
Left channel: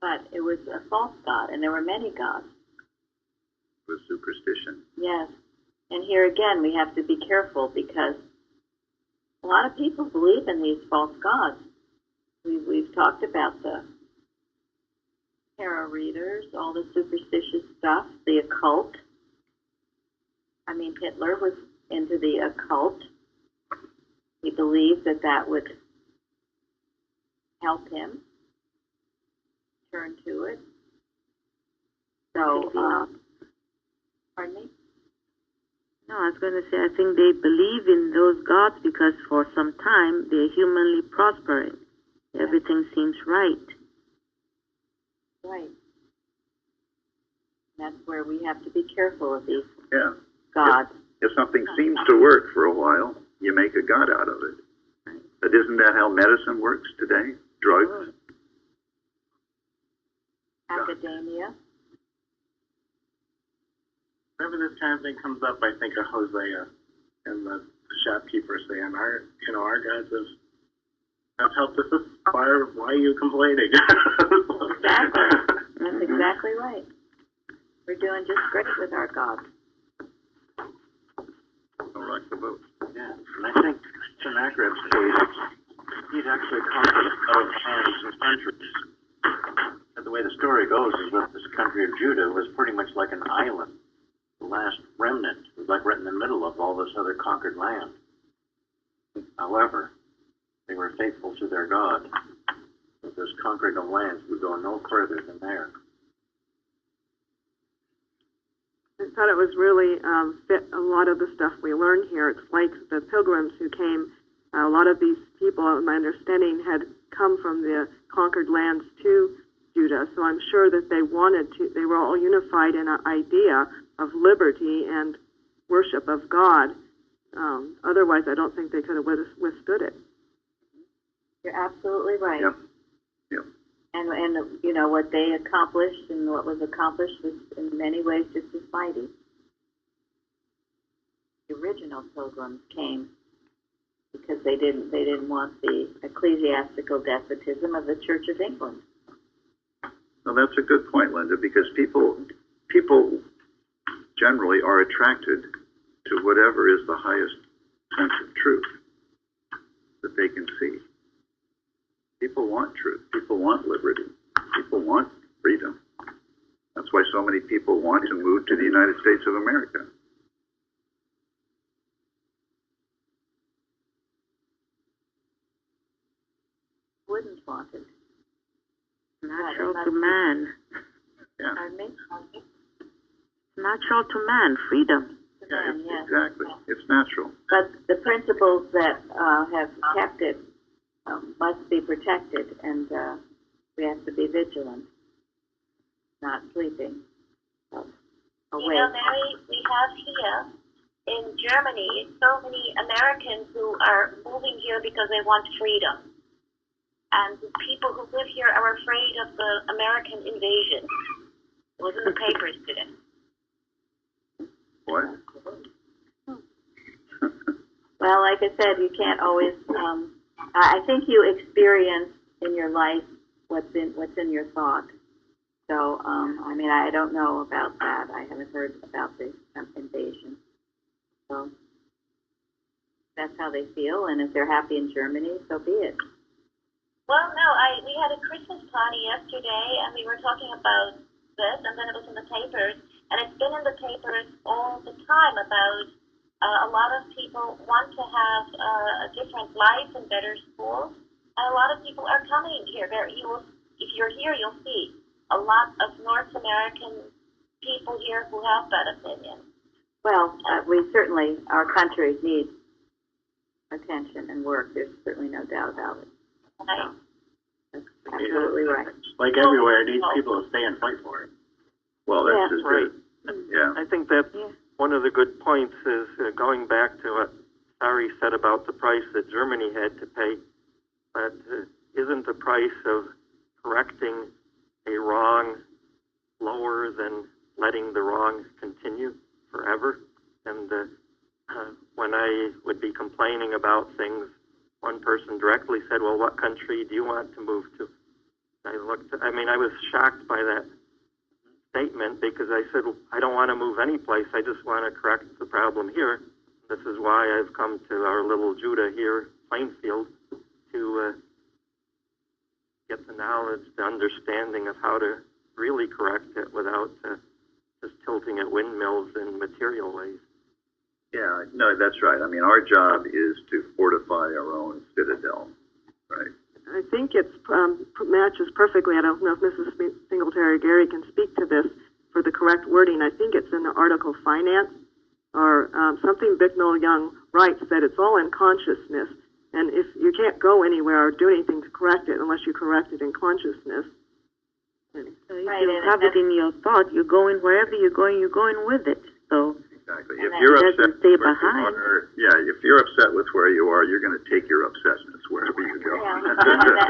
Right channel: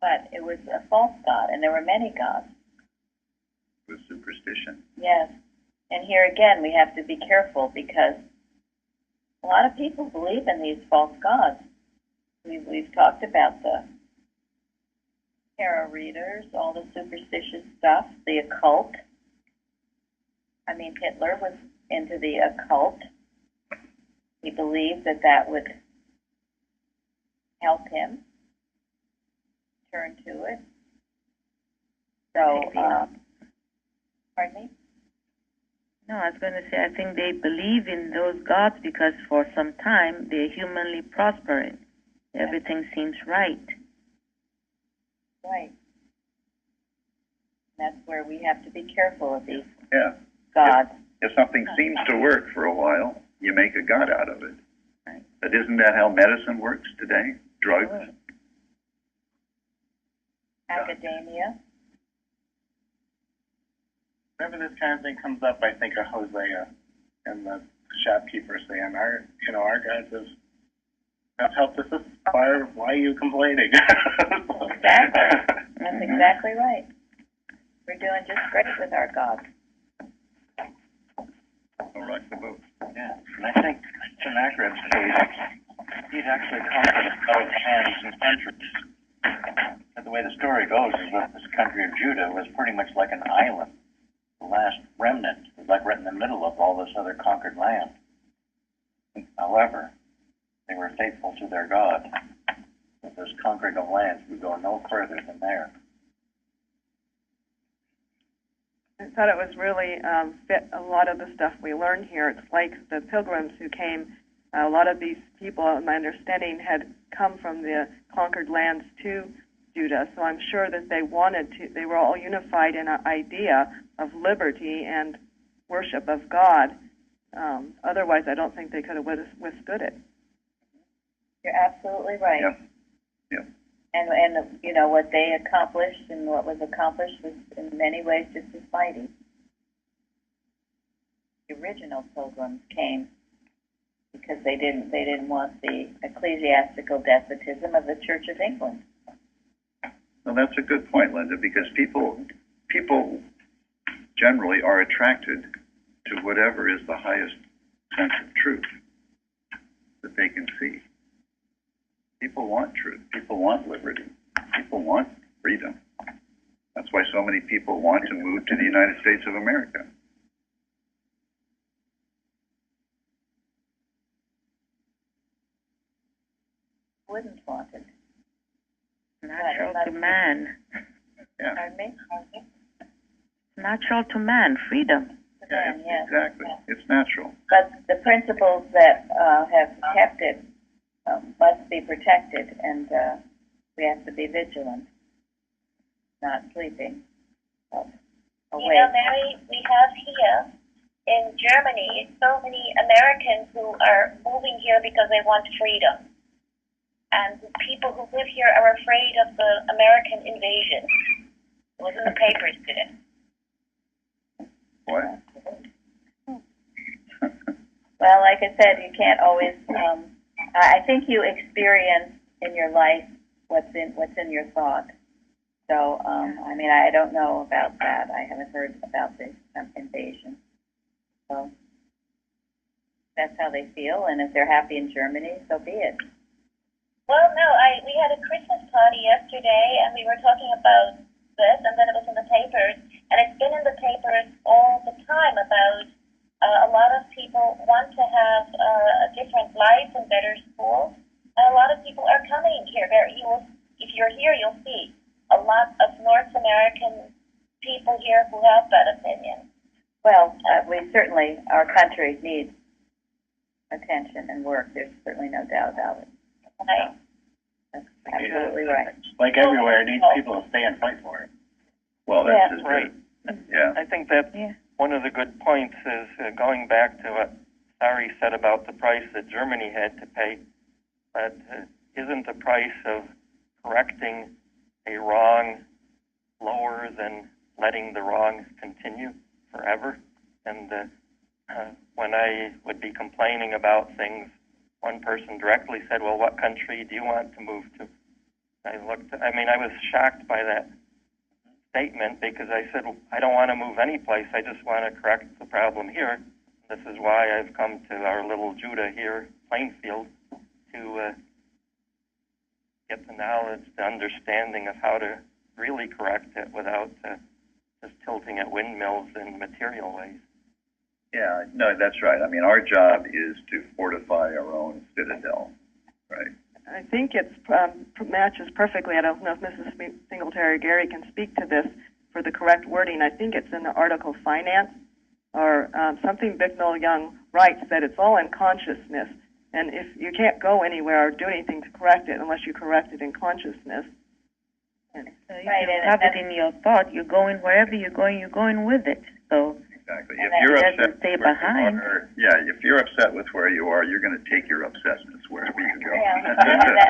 But it was a false god, and there were many gods. It was superstition. Yes. And here again, we have to be careful because a lot of people believe in these false gods. We've talked about the tarot readers, all the superstitious stuff, the occult. I mean, Hitler was into the occult. He believed that would help him turn to it. So, pardon me? No, I was going to say, I think they believe in those gods because for some time they're humanly prospering. Everything seems right. Right. That's where we have to be careful of these Yeah. gods. If something seems to work for a while, you make a god out of it. Right. But isn't that how medicine works today? Drugs? Academia. Whenever this kind of thing comes up, I think of Hosea and the shopkeeper saying, "Our gods have helped us aspire. Why are you complaining?" Exactly. That's exactly right. We're doing just great with our gods. Don't rock the boat. Yeah, and I think Sennacherib's case, he'd actually conquered a lot of lands and countries. And the way the story goes is that this country of Judah was pretty much like an island. The last remnant was like right in the middle of all this other conquered land. However, they were faithful to their God. But this conquering of lands would go no further than there. I thought it was really fit a lot of the stuff we learned here. It's like the pilgrims who came. A lot of these people, in my understanding, had come from the conquered lands to Judah. So I'm sure that they were all unified in an idea of liberty and worship of God. Otherwise, I don't think they could have withstood it. You're absolutely right. Yep. Yep. And you know what they accomplished and what was accomplished was in many ways just as mighty. The original pilgrims came because they didn't want the ecclesiastical despotism of the Church of England. Well, that's a good point, Linda, because people generally are attracted to whatever is the highest sense of truth that they can see. People want truth. People want liberty. People want freedom. That's why so many people want to move to the United States of America. Wouldn't want it. Natural to man. Yeah. Pardon me? Natural to man, freedom. Yeah, Yes. exactly. It's natural. But the principles that have kept it must be protected, and we have to be vigilant, not sleeping. You know, Mary, we have here in Germany so many Americans who are moving here because they want freedom. And the people who live here are afraid of the American invasion. It was in the papers today. What? Well, like I said, you can't always. I think you experience in your life what's in your thought. So, I mean, I don't know about that. I haven't heard about the invasion. So that's how they feel, and if they're happy in Germany, so be it. Well, no, we had a Christmas party yesterday, and we were talking about this, and then it was in the papers, and it's been in the papers all the time about a lot of people want to have a different life and better schools, and a lot of people are coming here. If you're here, you'll see a lot of North American people here who have that opinion. Well, we certainly, our country needs attention and work. There's certainly no doubt about it. Right. That's absolutely right. Like everywhere, it needs people to stay and fight for it. Well, that's Yeah. just Right. it. Yeah. I think that one of the good points is going back to what Sari said about the price that Germany had to pay. But isn't the price of correcting a wrong lower than letting the wrong continue forever? And when I would be complaining about things, one person directly said, well, what country do you want to move to? I was shocked by that statement because I said, I don't want to move any place. I just want to correct the problem here. This is why I've come to our little Judah here, Plainfield, to get the knowledge, the understanding of how to really correct it without just tilting at windmills in material ways. Yeah, no, that's right. I mean, our job is to fortify our own citadel, right? I think it matches perfectly. I don't know if Mrs. Singletary Gary can speak to this for the correct wording. I think it's in the article finance, or something Bicknell Young writes that it's all in consciousness, and if you can't go anywhere or do anything to correct it unless you correct it in consciousness. So if you have it in your thought, you're going wherever you're going with it. So exactly. If you're upset stay with where behind. you are, if you're upset with where you are, you're going to take your upsetness wherever you go. Yeah,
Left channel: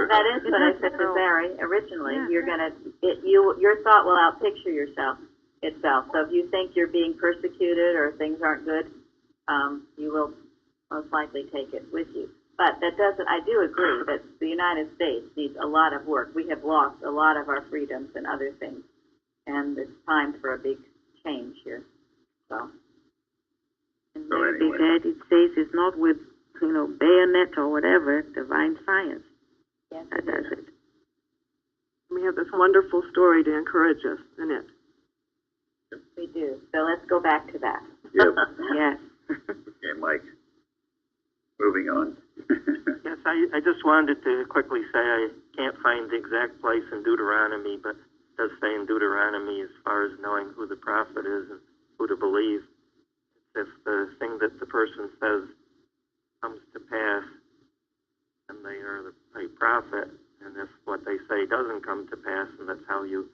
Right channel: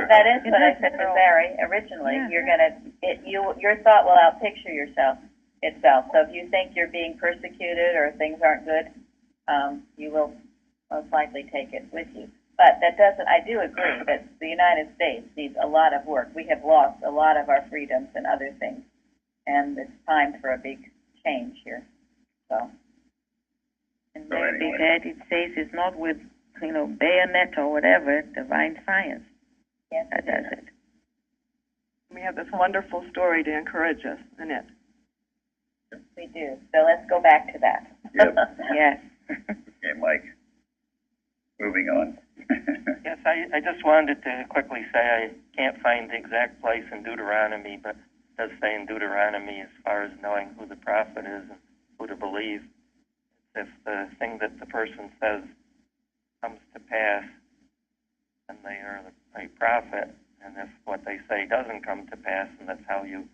that is what I said to Barry originally. Yeah. You're gonna, your thought will outpicture itself. So if you think you're being persecuted or things aren't good, you will most likely take it with you. But that doesn't. I do agree that the United States needs a lot of work. We have lost a lot of our freedoms and other things, and it's time for a big change here. So. And very big ad, it says it's not with, bayonet or whatever, divine science. Yes, that does it. We have this wonderful story to encourage us in it. We do. So let's go back to that. Yep. Yes. Okay, Mike. Moving on. Yes, I just wanted to quickly say I can't find the exact place in Deuteronomy, but it does say in Deuteronomy as far as knowing who the prophet is and who to believe. If the thing that the person says comes to pass, then they are the right prophet. And if what they say doesn't come to pass, then that's how you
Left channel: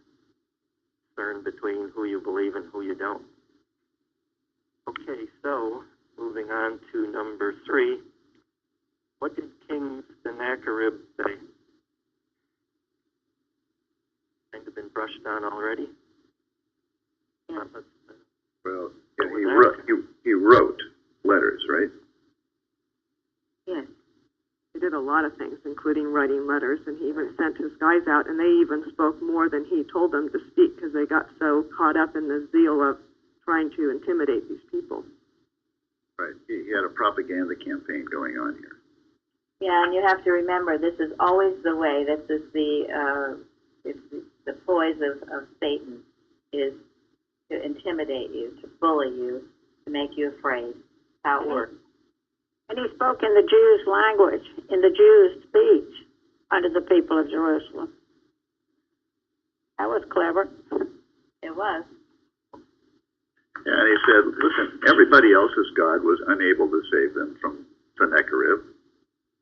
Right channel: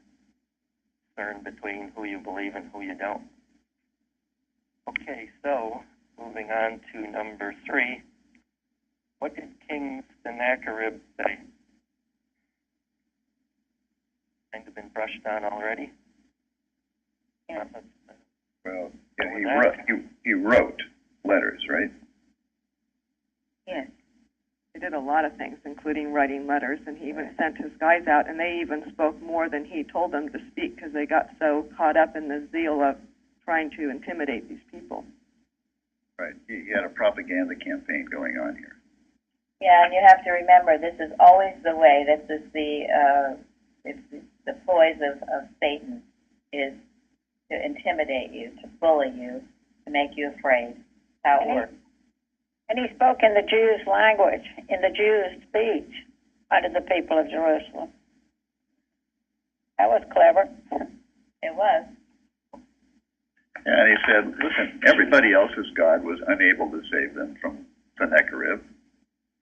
discern between who you believe and who you don't. Okay, so moving on to number 3. What did King Sennacherib say? Kind of been brushed on already. Yeah. Well, he wrote letters, right? Yes. He did a lot of things, including writing letters, and he even sent his guys out, and they even spoke more than he told them to speak because they got so caught up in the zeal of trying to intimidate these people. Right. He had a propaganda campaign going on here. Yeah, and you have to remember, this is always the way. This is the poise of Satan, is to intimidate you, to bully you, to make you afraid. How it works. And he spoke in the Jews' language, in the Jews' speech, unto the people of Jerusalem. That was clever. It was. Yeah, and he said, listen, everybody else's God was unable to save them from Sennacherib.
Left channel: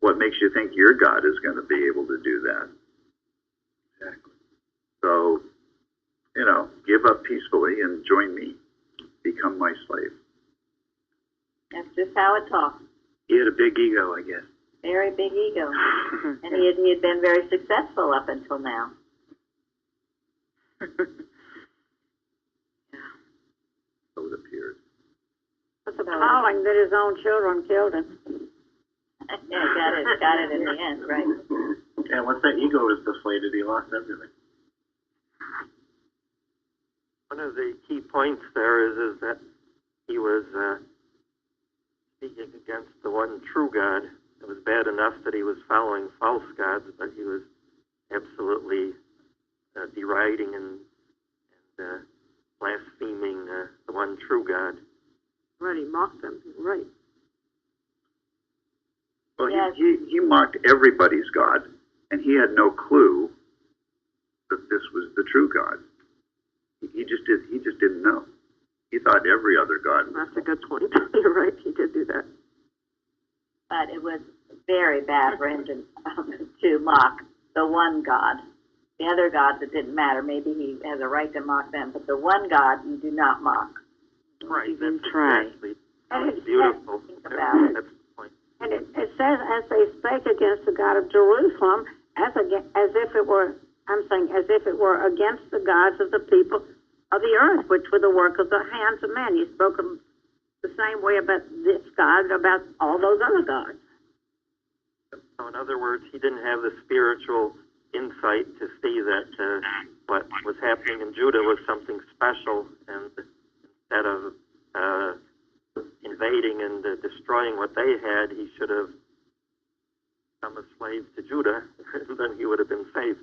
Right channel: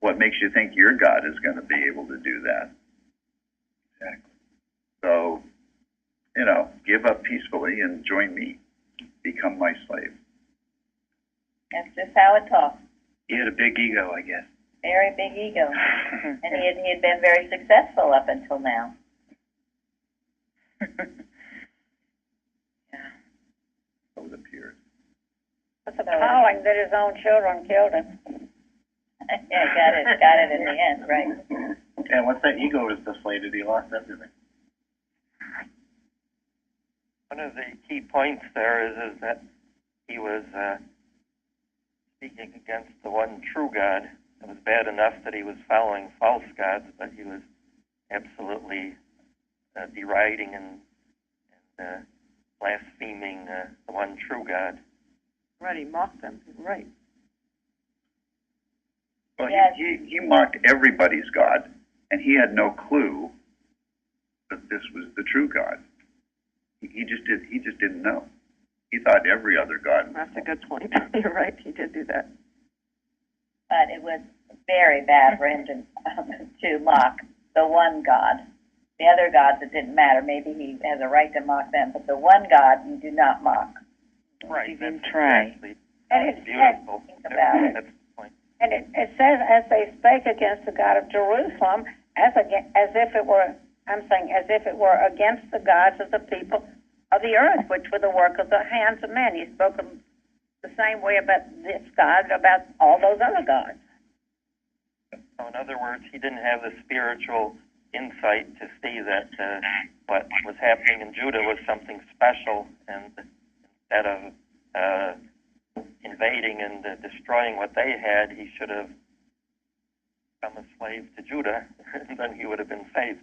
What makes you think your God is going to be able to do that? Exactly. So, give up peacefully and join me. Become my slave. That's just how it talks. He had a big ego, I guess. Very big ego. And he had been very successful up until now. So it appeared. It's appalling that his own children killed him. Yeah, got it in the end, right. And once that ego was deflated, he lost everything. One of the key points there is that he was speaking against the one true God. It was bad enough that he was following false gods, but he was absolutely deriding and blaspheming the one true God. Right, he mocked them. Right. Well, Yes. he mocked everybody's God, and he had no clue that this was the true God. He just didn't know. He thought every other God was. That's a good point. You're right, he did do that. But it was very bad for him to mock the one God. The other gods, it didn't matter. Maybe he has a right to mock them, but the one God you do not mock. Right. Even try. And That's beautiful. Think about it. That's the point. And it says, as they spake against the God of Jerusalem, as if it were against the gods of the people of the earth, which were the work of the hands of men. He spoke the same way about this God, about all those other gods. So in other words, he didn't have the spiritual insight to see that what was happening in Judah was something special, and instead of invading and destroying what they had, he should have become a slave to Judah, and then he would have been saved.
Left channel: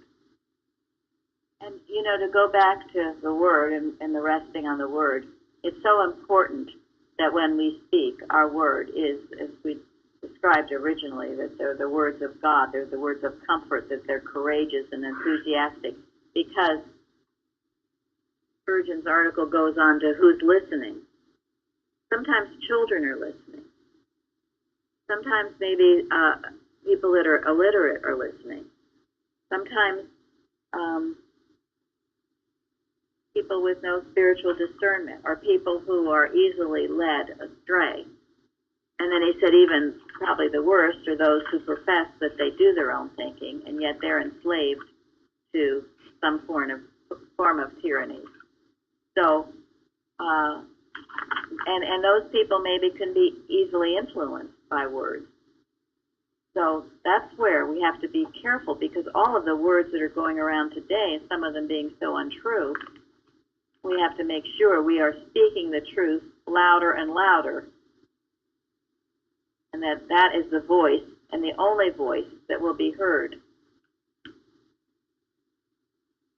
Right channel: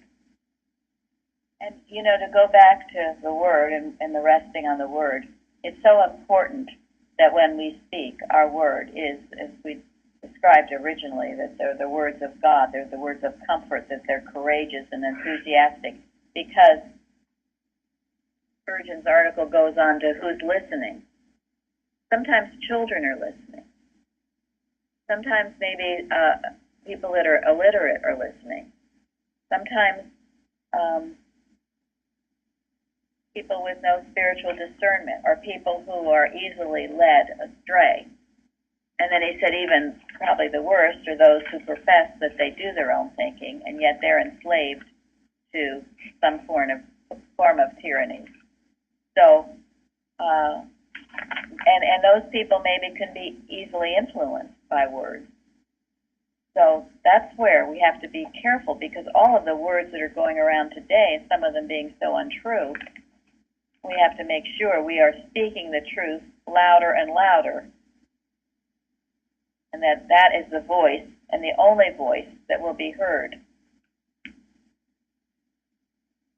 And, to go back to the Word and the resting on the Word, it's so important that when we speak, our Word is, as we described originally, that they're the words of God, they're the words of comfort, that they're courageous and enthusiastic, because Spurgeon's article goes on to who's listening. sometimes children are listening. Sometimes maybe people that are illiterate are listening. Sometimes people with no spiritual discernment, or people who are easily led astray. And then he said even probably the worst are those who profess that they do their own thinking, and yet they're enslaved to some form of tyranny. So, and those people maybe can be easily influenced by words. So that's where we have to be careful, because all of the words that are going around today, some of them being so untrue, we have to make sure we are speaking the truth louder and louder, and that is the voice and the only voice that will be heard.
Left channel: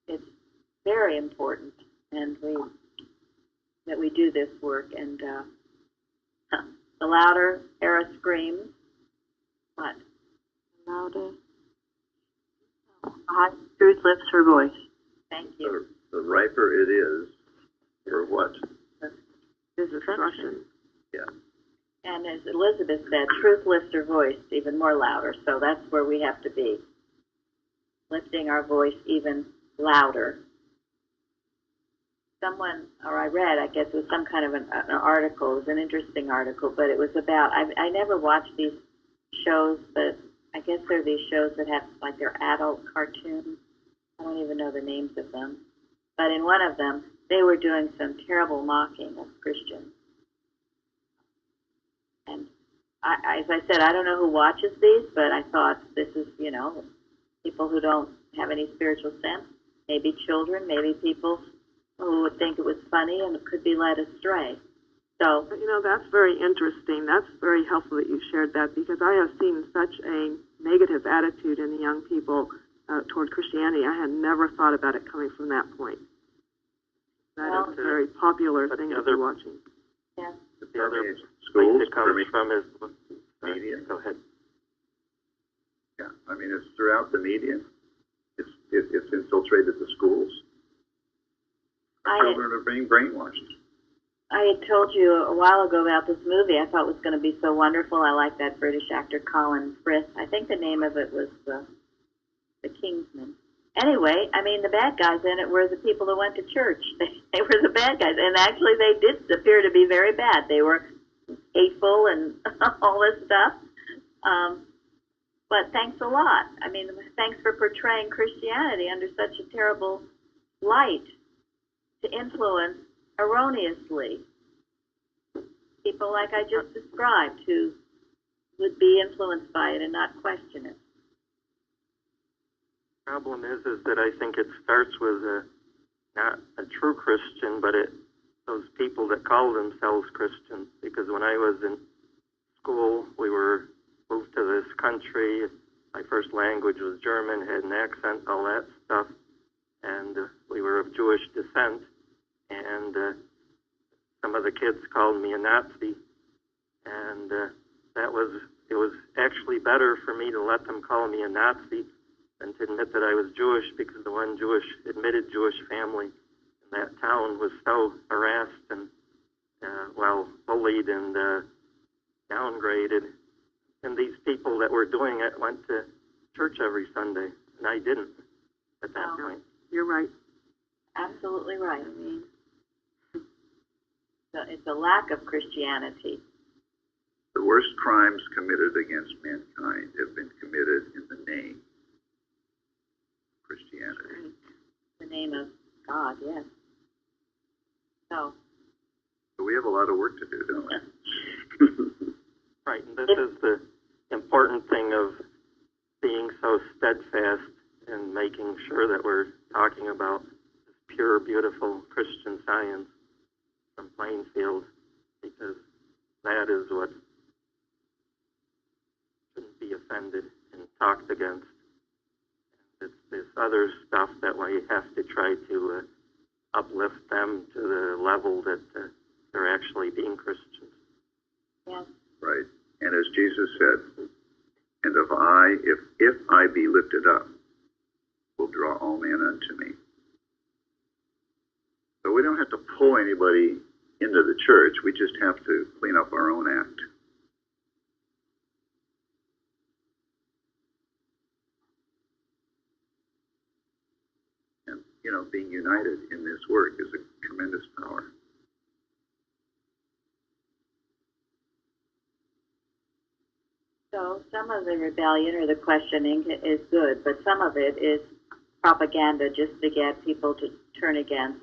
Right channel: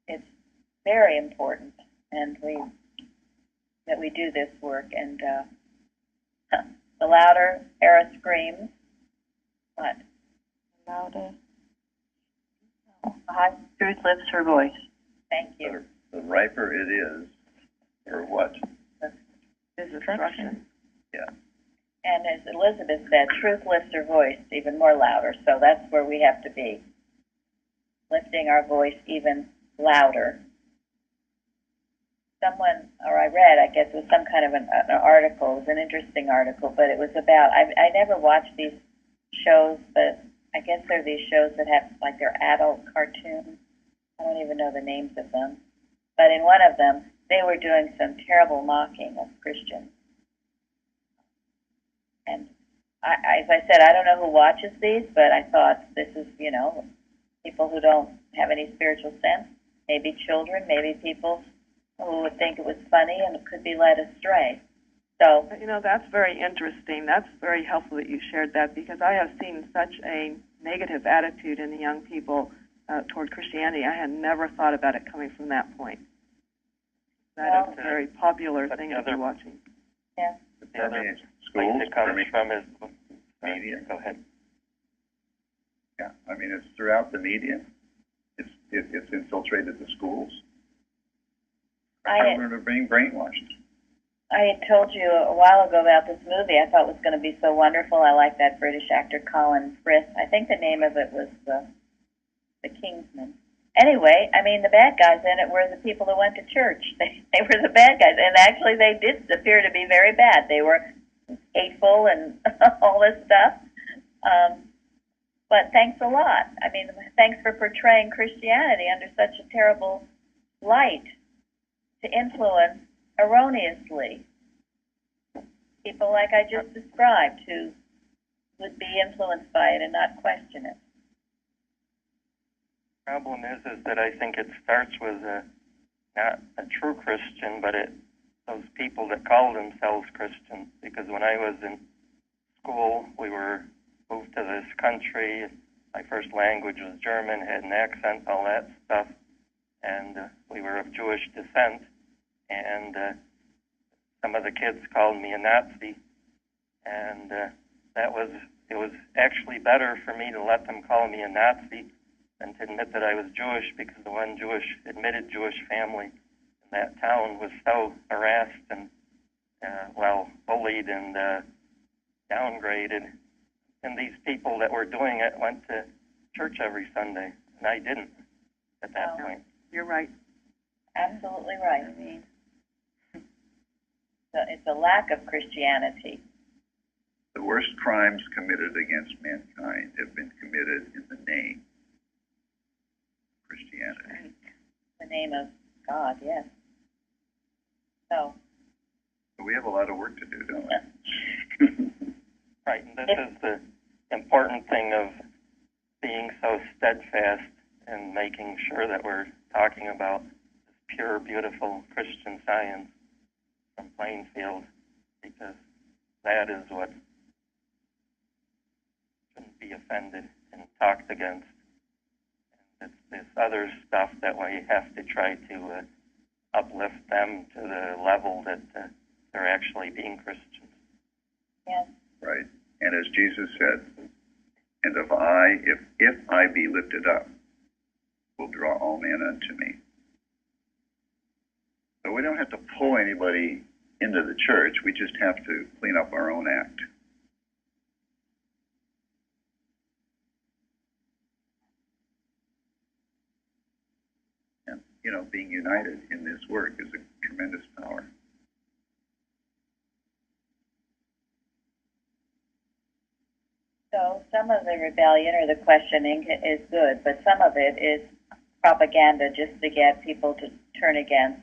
It's very important, and that we do this work. And the louder Era screams, what? Louder. Truth lifts her voice. Thank you. The riper it is for what? Destruction. Yeah. And as Elizabeth said, truth lifts her voice even more louder. So that's where we have to be, lifting our voice even louder. Someone, or I read, I guess it was some kind of an article. It was an interesting article, but it was about, I never watched these shows, but I guess they're these shows that have, like, they're adult cartoons. I don't even know the names of them. But in one of them, they were doing some terrible mocking of Christians. And as I said, I don't know who watches these, but I thought this is, people who don't have any spiritual sense, maybe children, maybe people who would think it was funny and could be led astray. So, that's very interesting. That's very helpful that you shared that, because I have seen such a negative attitude in the young people toward Christianity. I had never thought about it coming from that point. That is a very popular thing to be watching. Yeah. The other schools, place it comes from is media. Go ahead. Yeah, I mean, it's throughout the media. It's infiltrated the schools. Children are being brainwashed. I had told you a while ago about this movie I thought was going to be so wonderful. I like that British actor Colin Firth. I think the name of it was The Kingsman. Anyway, I mean, the bad guys in it were the people that went to church. They were the bad guys, and actually they did appear to be very bad. They were hateful and all this stuff. But thanks a lot. I mean, thanks for portraying Christianity under such a terrible light to influence erroneously people like I just described, who would be influenced by it and not question it. The problem is that I think it starts with not a true Christian, but those people that call themselves Christians. Because when I was in school, we were moved to this country. My first language was German, had an accent, all that stuff, and we were of Jewish descent. And some of the kids called me a Nazi, and it was actually better for me to let them call me a Nazi than to admit that I was Jewish, because the one admitted Jewish family in that town was so harassed and, bullied and downgraded. And these people that were doing it went to church every Sunday, and I didn't at that point. You're right. Absolutely right. I mean, it's a lack of Christianity. The worst crimes committed against mankind have been committed in the name of Christianity. Right. The name of God, yes. So we have a lot of work to do, don't we? Right, and this is the important thing of being so steadfast and making sure that we're talking about this pure, beautiful Christian Science from Plainfield, because that is what shouldn't be offended and talked against. And it's this other stuff that we have to try to uplift them to the level that they're actually being Christians. Yes. Right. And as Jesus said, and if I be lifted up, will draw all men unto me. So we don't have to pull anybody into the church. We just have to clean up our own act. And, being united in this work is a tremendous power. So some of the rebellion or the questioning is good, but some of it is propaganda just to get people to turn against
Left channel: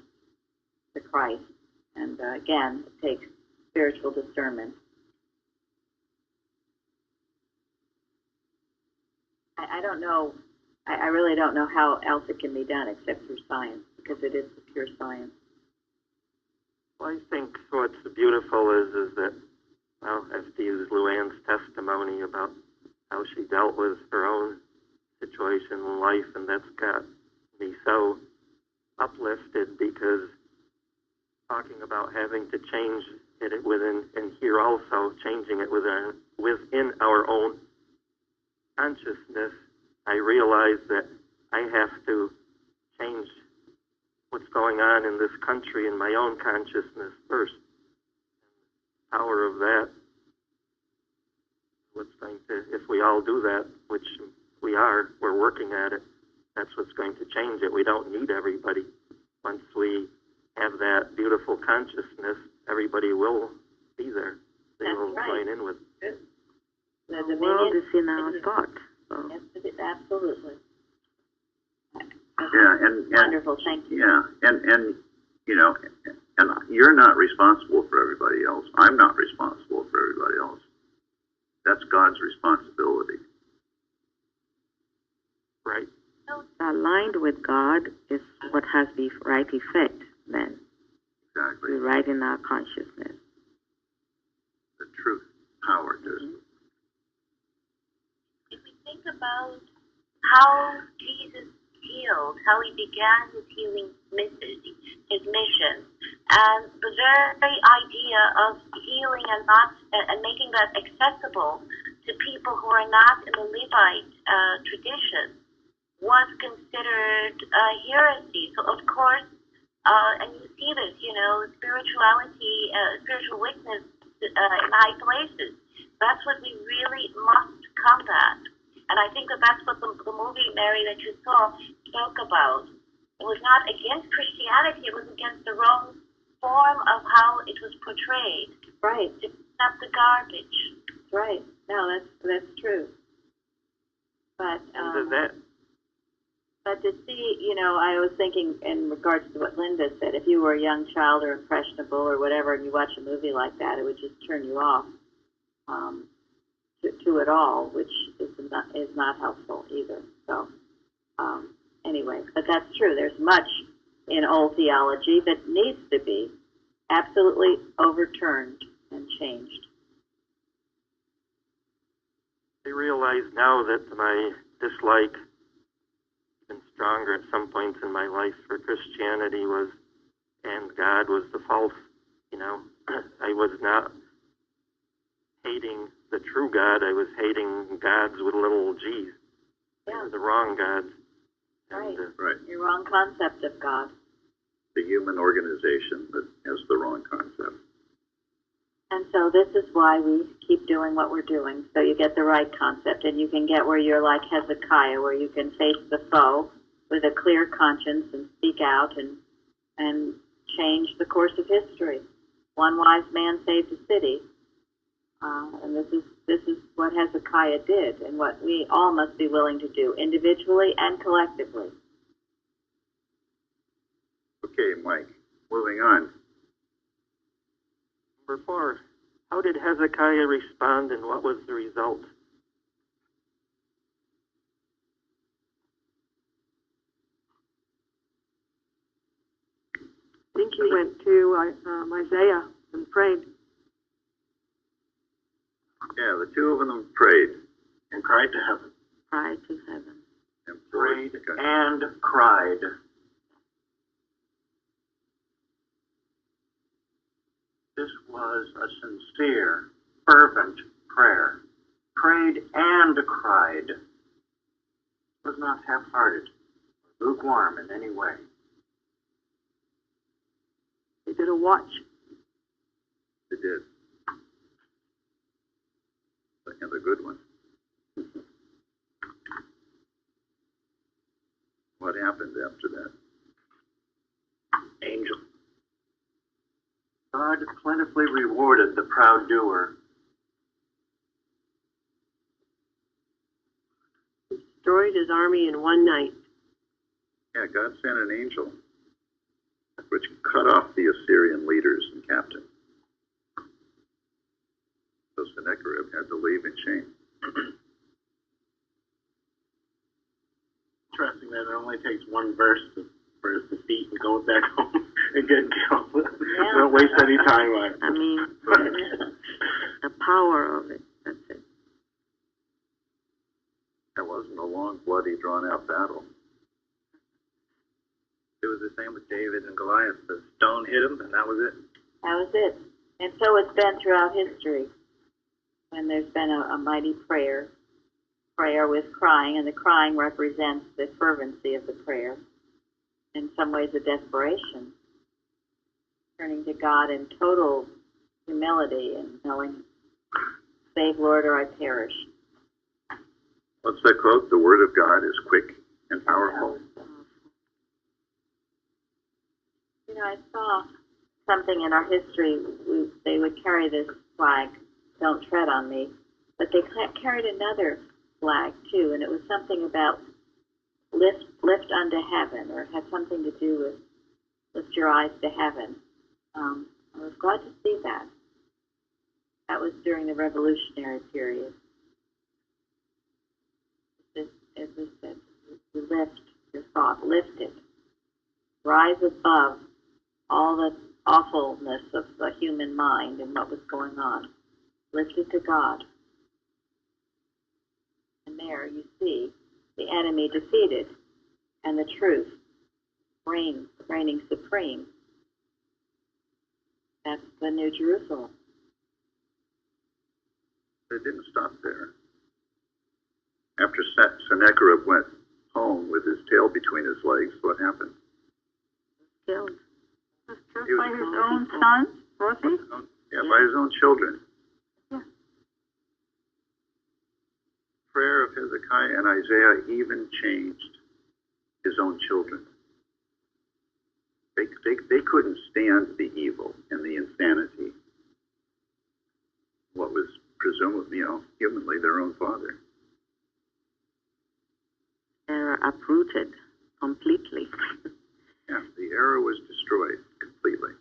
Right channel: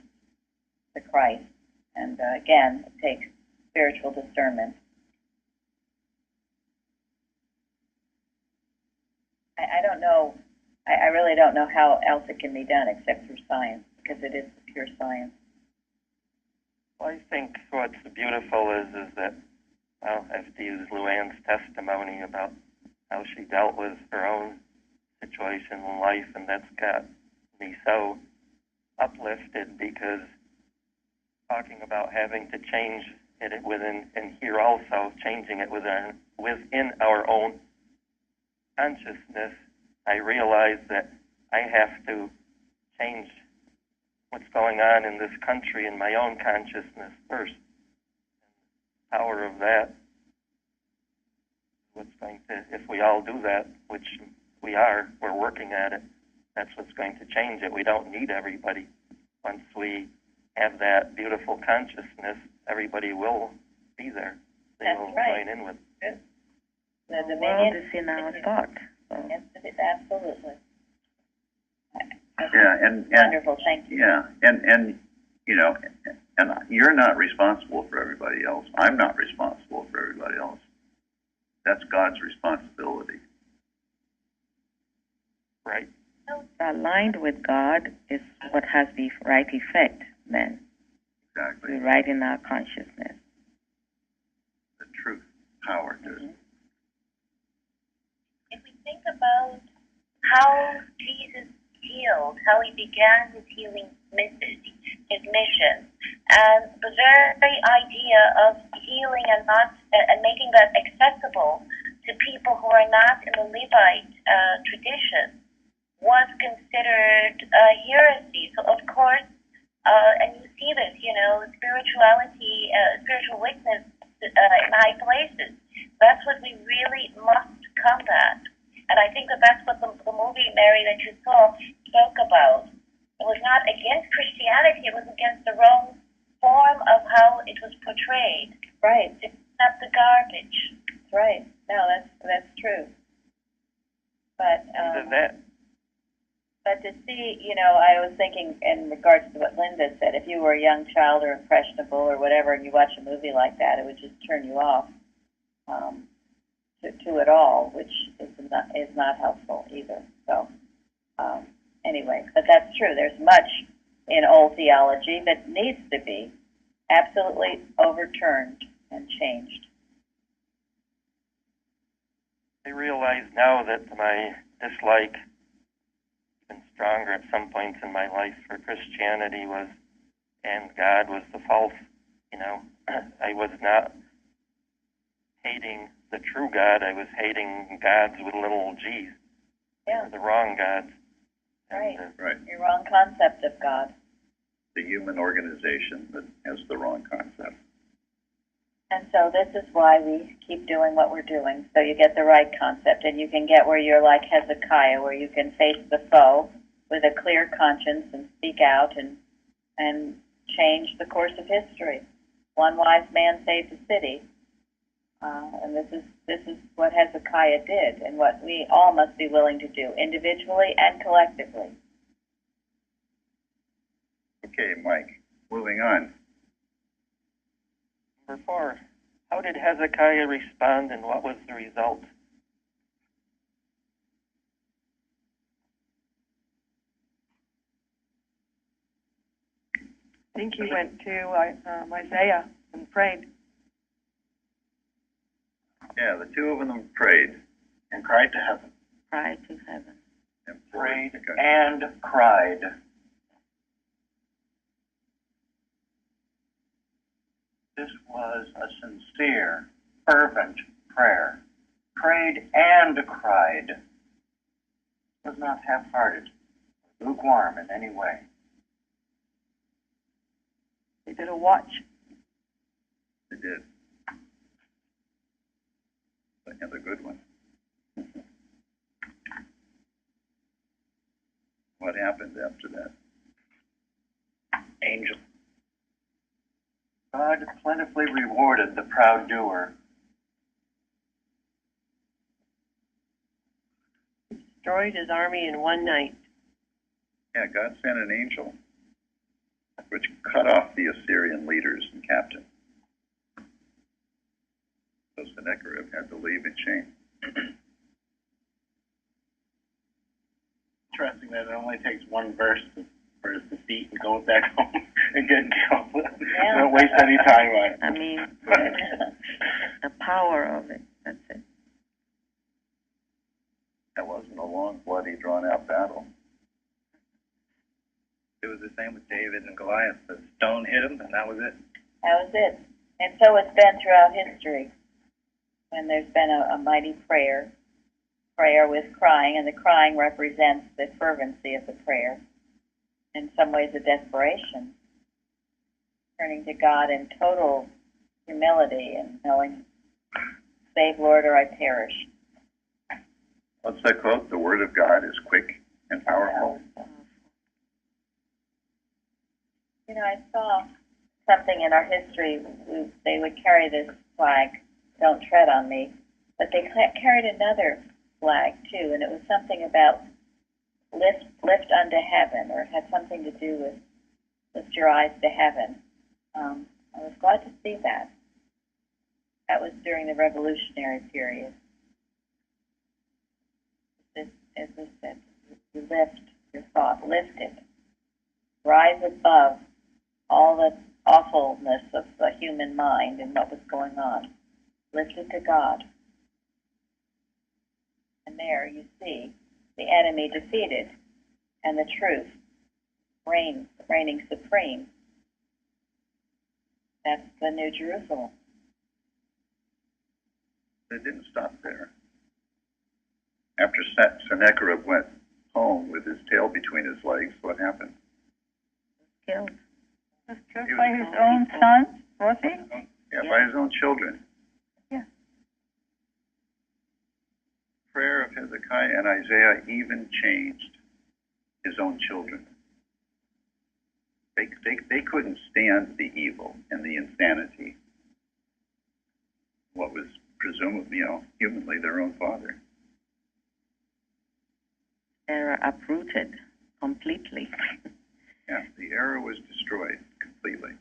the Christ. And again, it takes spiritual discernment. I don't know, I really don't know how else it can be done except through science, because it is the pure science. Well, I think what's beautiful is that, well, I have to use Luann's testimony about how she dealt with her own situation in life, and that's got me so uplifted, because talking about having to change it within, and here also changing it within our own consciousness, I realize that I have to change what's going on in this country in my own consciousness first. The power of that, what's going to, if we all do that, which we're working at it, that's what's going to change it. We don't need everybody. Once we have that beautiful consciousness, everybody will be there. They will join in with it. The world is in our thought. So. Yes, absolutely. Yeah, and wonderful. Thank you. Yeah, and you're not responsible for everybody else. I'm not responsible for everybody else. That's God's responsibility. Right. Aligned with God is what has the right effect then. Exactly. We're right in our consciousness. The truth, power to it. If we think about how Jesus healed, how he began his healing message, his mission, and the very idea of healing and making that accessible to people who are not in the Levite tradition was considered heresy. So of course, and you see this, spirituality, spiritual weakness in high places. That's what we really must combat. And I think that's what the movie, Mary, that you saw spoke about. It was not against Christianity, it was against the wrong form of how it was portrayed. Right. It's not the garbage. Right. No, that's true. But but to see, I was thinking in regards to what Linda said, if you were a young child or impressionable or whatever, and you watch a movie like that, it would just turn you off to it all, which is not helpful either. So anyway, but that's true. There's much in old theology that needs to be absolutely overturned and changed. I realize now that my dislike, even stronger at some points in my life, for Christianity and God was the false. I was not hating the true God. I was hating gods with little g's. Yeah. The wrong gods. Right. Right. Your wrong concept of God. The human organization that has the wrong concept. And so this is why we keep doing what we're doing, so you get the right concept, and you can get where you're like Hezekiah, where you can face the foe with a clear conscience and speak out and change the course of history. One wise man saved a city, and this is what Hezekiah did, and what we all must be willing to do, individually and collectively. Okay, Mike, moving on. Number 4, how did Hezekiah respond, and what was the result? I think he went to Isaiah and prayed. Yeah, the two of them prayed. And cried to heaven. Cried to heaven. And Prayed and cried. This was a sincere, fervent prayer. Prayed and cried. It was not half-hearted, lukewarm in any way. They did a watch. They did. And the good one. What happened after that? Angel. God plentifully rewarded the proud doer. Destroyed his army in one night. Yeah, God sent an angel, which cut off the Assyrian leaders and captains. So Sennacherib had to leave in shame. Interesting that it only takes one verse for his defeat and go back home and get killed. Yeah. Don't waste any time on it. I mean, the power of it. That's it. That wasn't a long, bloody, drawn-out battle. It was the same with David and Goliath. The stone hit him, and that was it. That was it. And so it's been throughout history. When there's been a mighty prayer with crying, and the crying represents the fervency of the prayer. In some ways, a desperation, turning to God in total humility and knowing, save, Lord, or I perish. What's that quote? The word of God is quick and powerful. You know, I saw something in our history. They would carry this flag, "Don't tread on me," but they carried another flag too, and it was something about lift unto heaven, or it had something to do with lift your eyes to heaven. I was glad to see that. That was during the Revolutionary period. As I said, you lift your thought, lift it, rise above all the awfulness of the human mind and what was going on. Lift it to God. And there you see the enemy defeated and the truth reigning supreme. That's the New Jerusalem. They didn't stop there. After Sennacherib went home with his tail between his legs, what happened? Killed. Was killed by his own son, was he? Yeah, by his own children. Yeah. Prayer of Hezekiah and Isaiah even changed his own children. They couldn't stand the evil and the insanity. What was presumably, humanly their own father. Error uprooted completely. Yeah, the error was destroyed completely.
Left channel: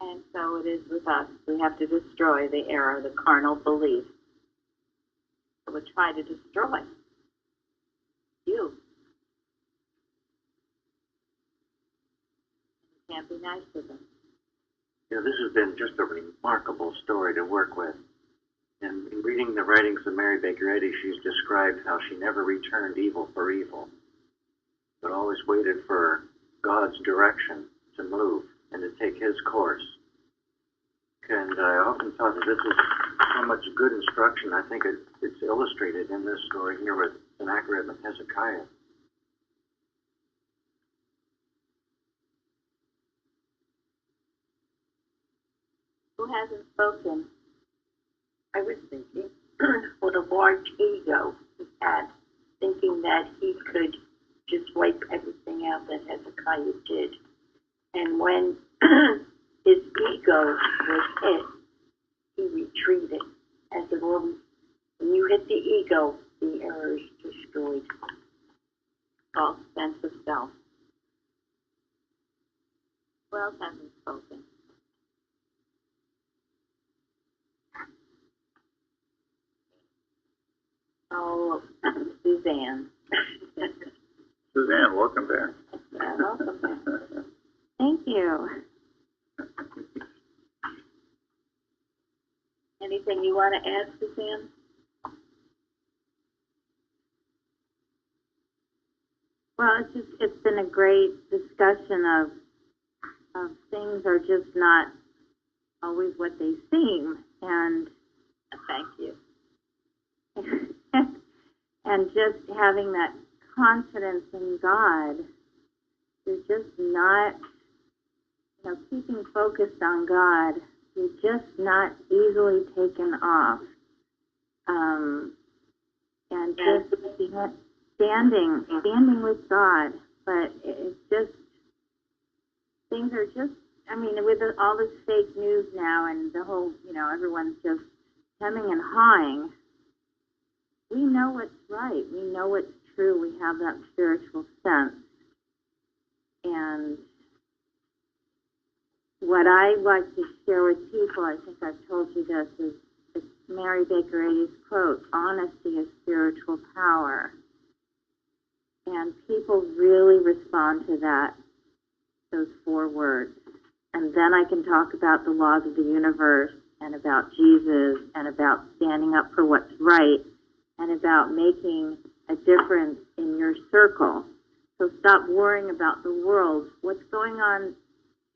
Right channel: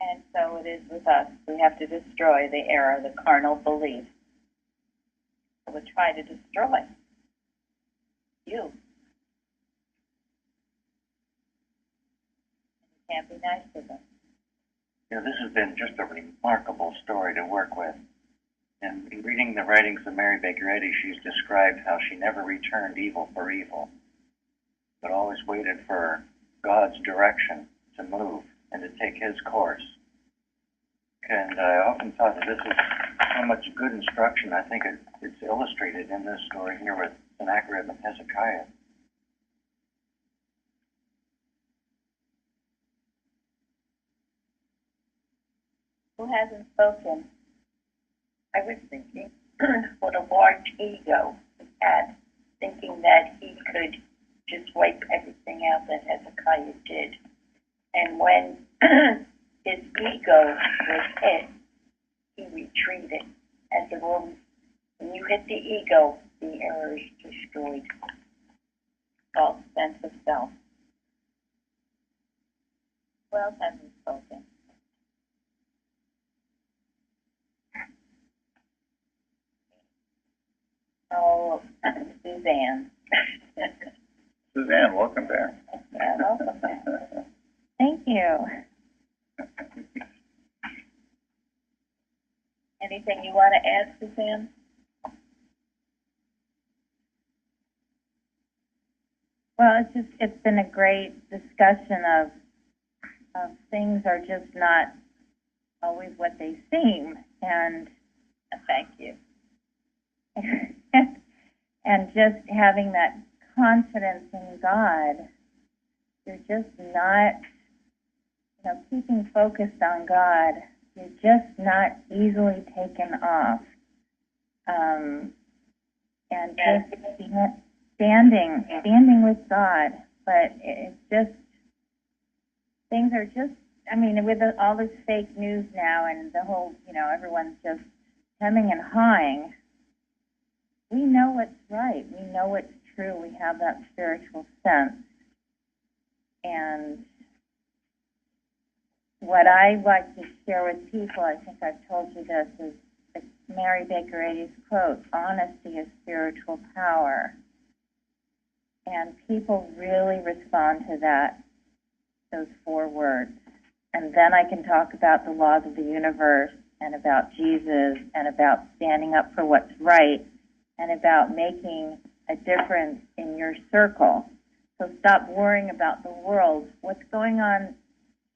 And so it is with us. We have to destroy the error, the carnal belief that would try to destroy you. You can't be nice to them. This has been just a remarkable story to work with. And in reading the writings of Mary Baker Eddy, she's described how she never returned evil for evil, but always waited for God's direction to move and to take his course. And I often thought that this is so much good instruction. I think it's illustrated in this story here with Sennacherib and Hezekiah. Who hasn't spoken? I was thinking what a large ego he had, thinking that he could just wipe everything out that Hezekiah did. And when his ego was hit, he retreated. As it always, when you hit the ego, the error is destroyed. False sense of self. Who else hasn't spoken? Oh, Suzanne. Suzanne, welcome back. Yeah, welcome back. Thank you. Anything you want to add, Suzanne? Well, it's been a great discussion of things are just not always what they seem, and Thank you. and just having that confidence in God. You're just not keeping focused on God, you're just not easily taken off. And just standing with God. But it's just, things are just, with all this fake news now and the whole, everyone's just hemming and hawing, we know what's right. We know what's true. We have that spiritual sense. And what I like to share with people, I think I've told you this, is Mary Baker Eddy's quote, "Honesty is spiritual power." And people really respond to those 4 words. And then I can talk about the laws of the universe and about Jesus and about standing up for what's right and about making a difference in your circle. So stop worrying about the world. What's going on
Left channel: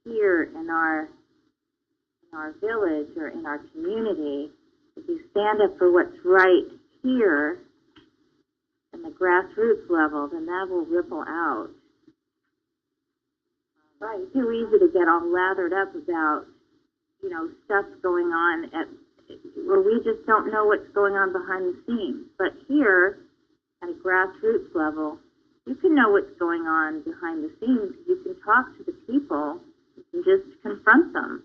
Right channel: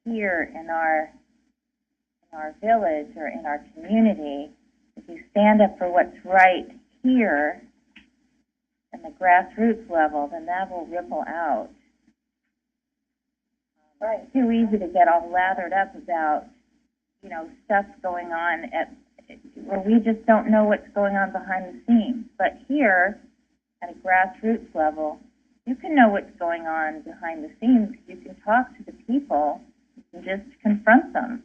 here in our village or in our community? If you stand up for what's right here in the grassroots level, then that will ripple out. Right. It's too easy to get all lathered up about, stuff going on where we just don't know what's going on behind the scenes. But here, at a grassroots level, you can know what's going on behind the scenes because you can talk to the people. You can just confront them.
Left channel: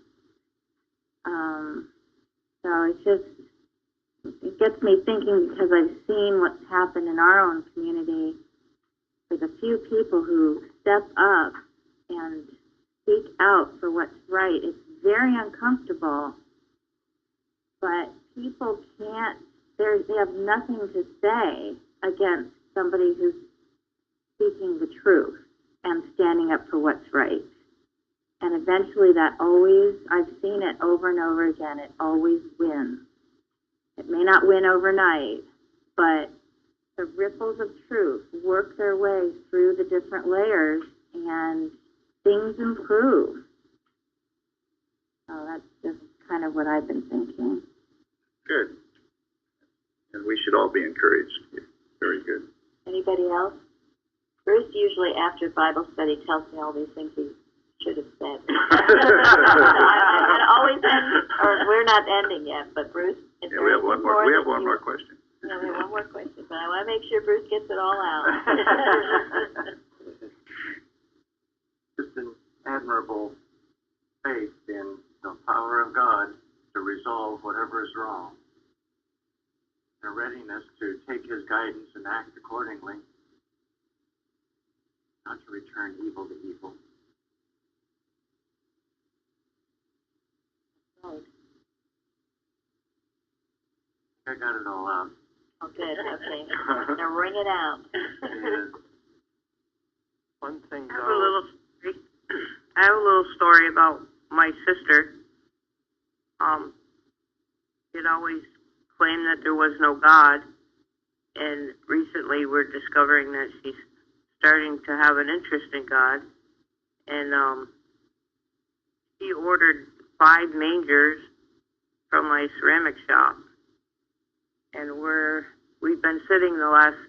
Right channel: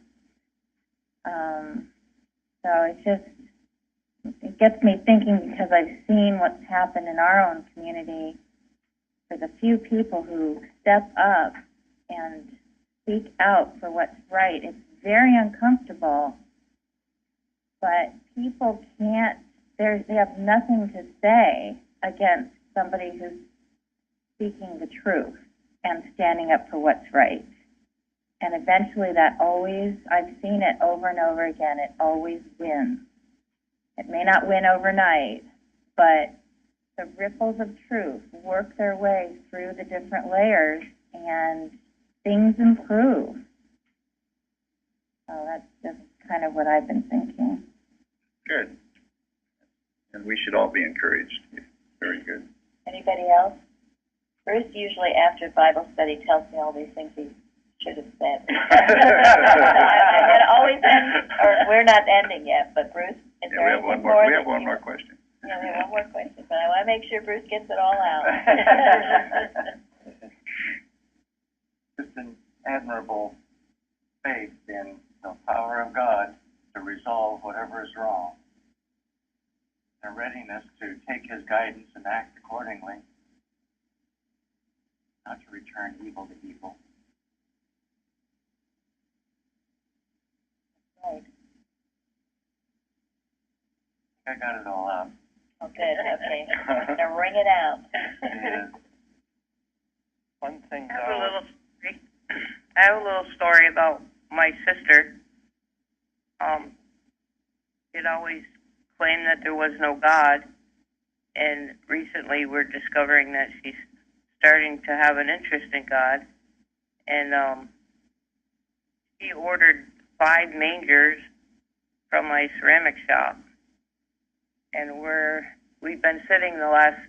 So it gets me thinking because I've seen what's happened in our own community for the few people who step up and speak out for what's right. It's very uncomfortable, but people can't, they have nothing to say against somebody who's speaking the truth and standing up for what's right. And eventually that always, I've seen it over and over again, it always wins. It may not win overnight, but the ripples of truth work their way through the different layers and things improve. So that's just kind of what I've been thinking. Good. And we should all be encouraged. Very good. Anybody else? Bruce usually after Bible study tells me all these things he should have said. I always end, or we're not ending yet, but Bruce, is there anything more? We have one more question. Yeah, we have one more question, but I want to make sure Bruce gets it all out. Just an admirable faith in the power of God to resolve whatever is wrong, and a readiness to take His guidance and act accordingly, not to return evil to evil. Right. I got it all out. Oh, good. Okay. Now ring it out. Yeah. One thing, I have a little story about my sister. She'd always claimed that there was no God, and recently we're discovering that she's starting to have an interest in God. And she ordered 5 mangers from my ceramic shop, and we've been sitting the last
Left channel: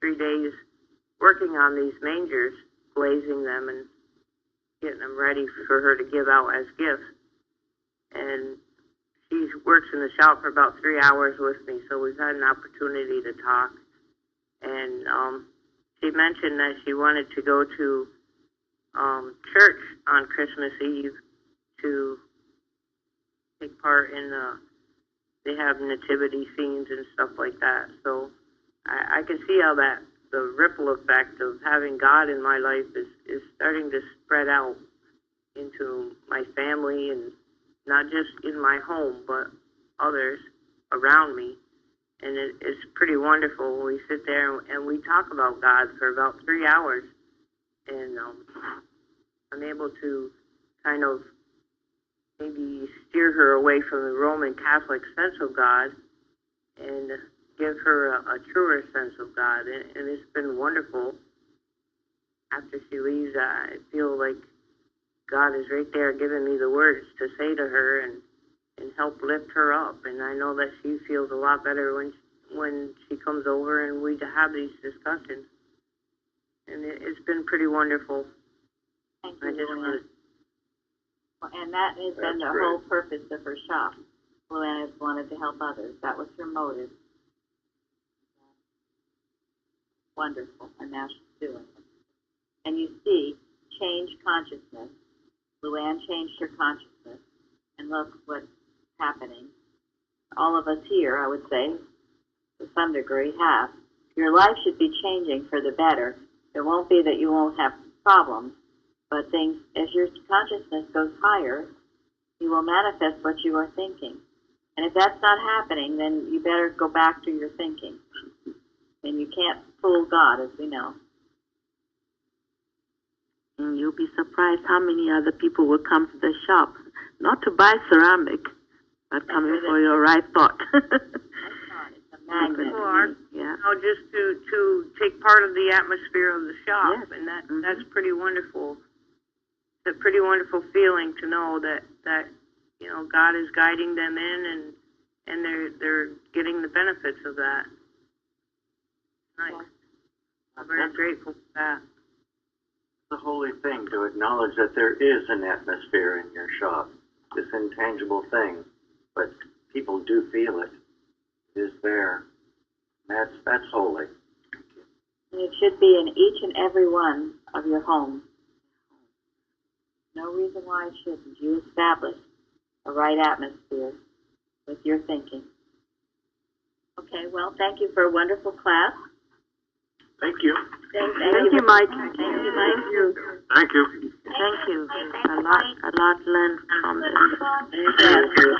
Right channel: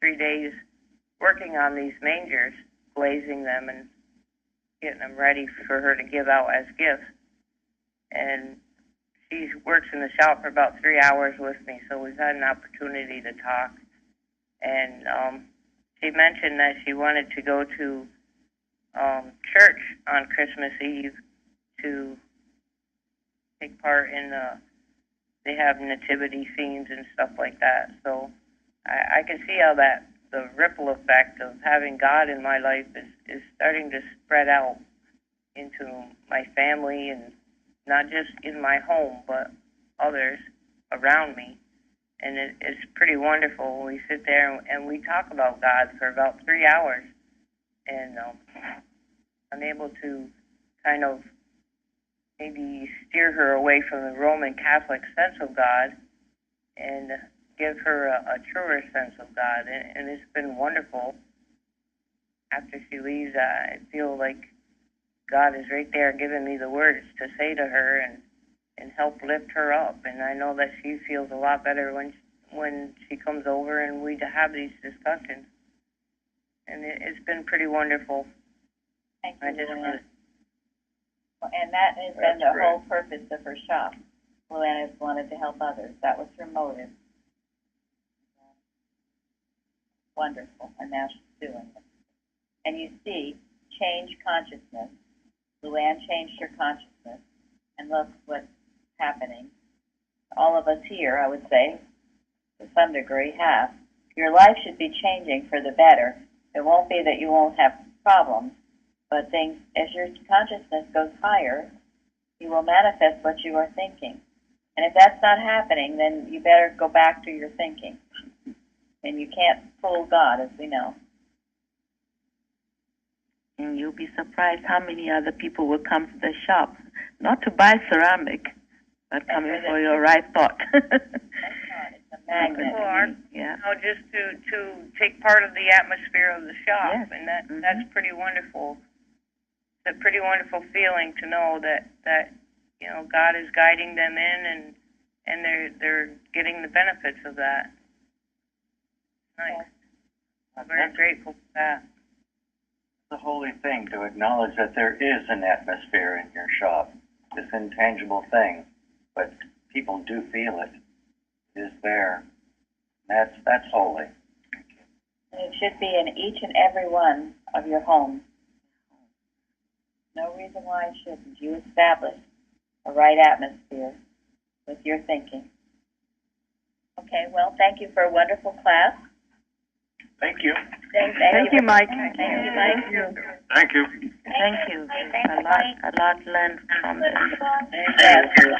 3 days working on these mangers, glazing them and getting them ready for her to give out as gifts. And she works in the shop for about 3 hours with me, so we've had an opportunity to talk. And she mentioned that she wanted to go to church on Christmas Eve to take part in they have nativity scenes and stuff like that. So I can see how the ripple effect of having God in my life is starting to spread out into my family, and not just in my home, but others around me. And it's pretty wonderful. We sit there and we talk about God for about 3 hours, and I'm able to kind of maybe steer her away from the Roman Catholic sense of God and give her a truer sense of God. And it's been wonderful. After she leaves, I feel like God is right there giving me the words to say to her and help lift her up. And I know that she feels a lot better when she comes over and we have these discussions. And it's been pretty wonderful. Thank you, I just want to And that has been That's the whole purpose of her shop. Luann has wanted to help others. That was her motive. Wonderful, and now she's doing it. And you see, change consciousness. Luann changed her consciousness, and look what's happening. All of us here, I would say, to some degree, have. Your life should be changing for the better. It won't be that you won't have problems, but things, as your consciousness goes higher, you will manifest what you are thinking. And if that's not happening, then you better go back to your thinking. And you can't fool God, as we know. And you'll be surprised how many other people will come to the shop, not to buy ceramic, but coming for your right thought. It's a magnet. Yeah. You know, just to take part of the atmosphere of the shop, Yes. and that's pretty wonderful. It's a pretty wonderful feeling to know that you know God is guiding them in, and they're getting the benefits of that. Nice. I'm very grateful for that. It's a holy thing to acknowledge that there is an atmosphere in your shop, this intangible thing, but people do feel it. It is there. That's holy. And it should be in each and every one of your homes. No reason why it shouldn't. You establish a right atmosphere with your thinking. Okay, well, thank you for a wonderful class. Thank you. Thank you, Mike. Thank you, Mike. Thank you. Thank you. A lot learned from this. Thank you.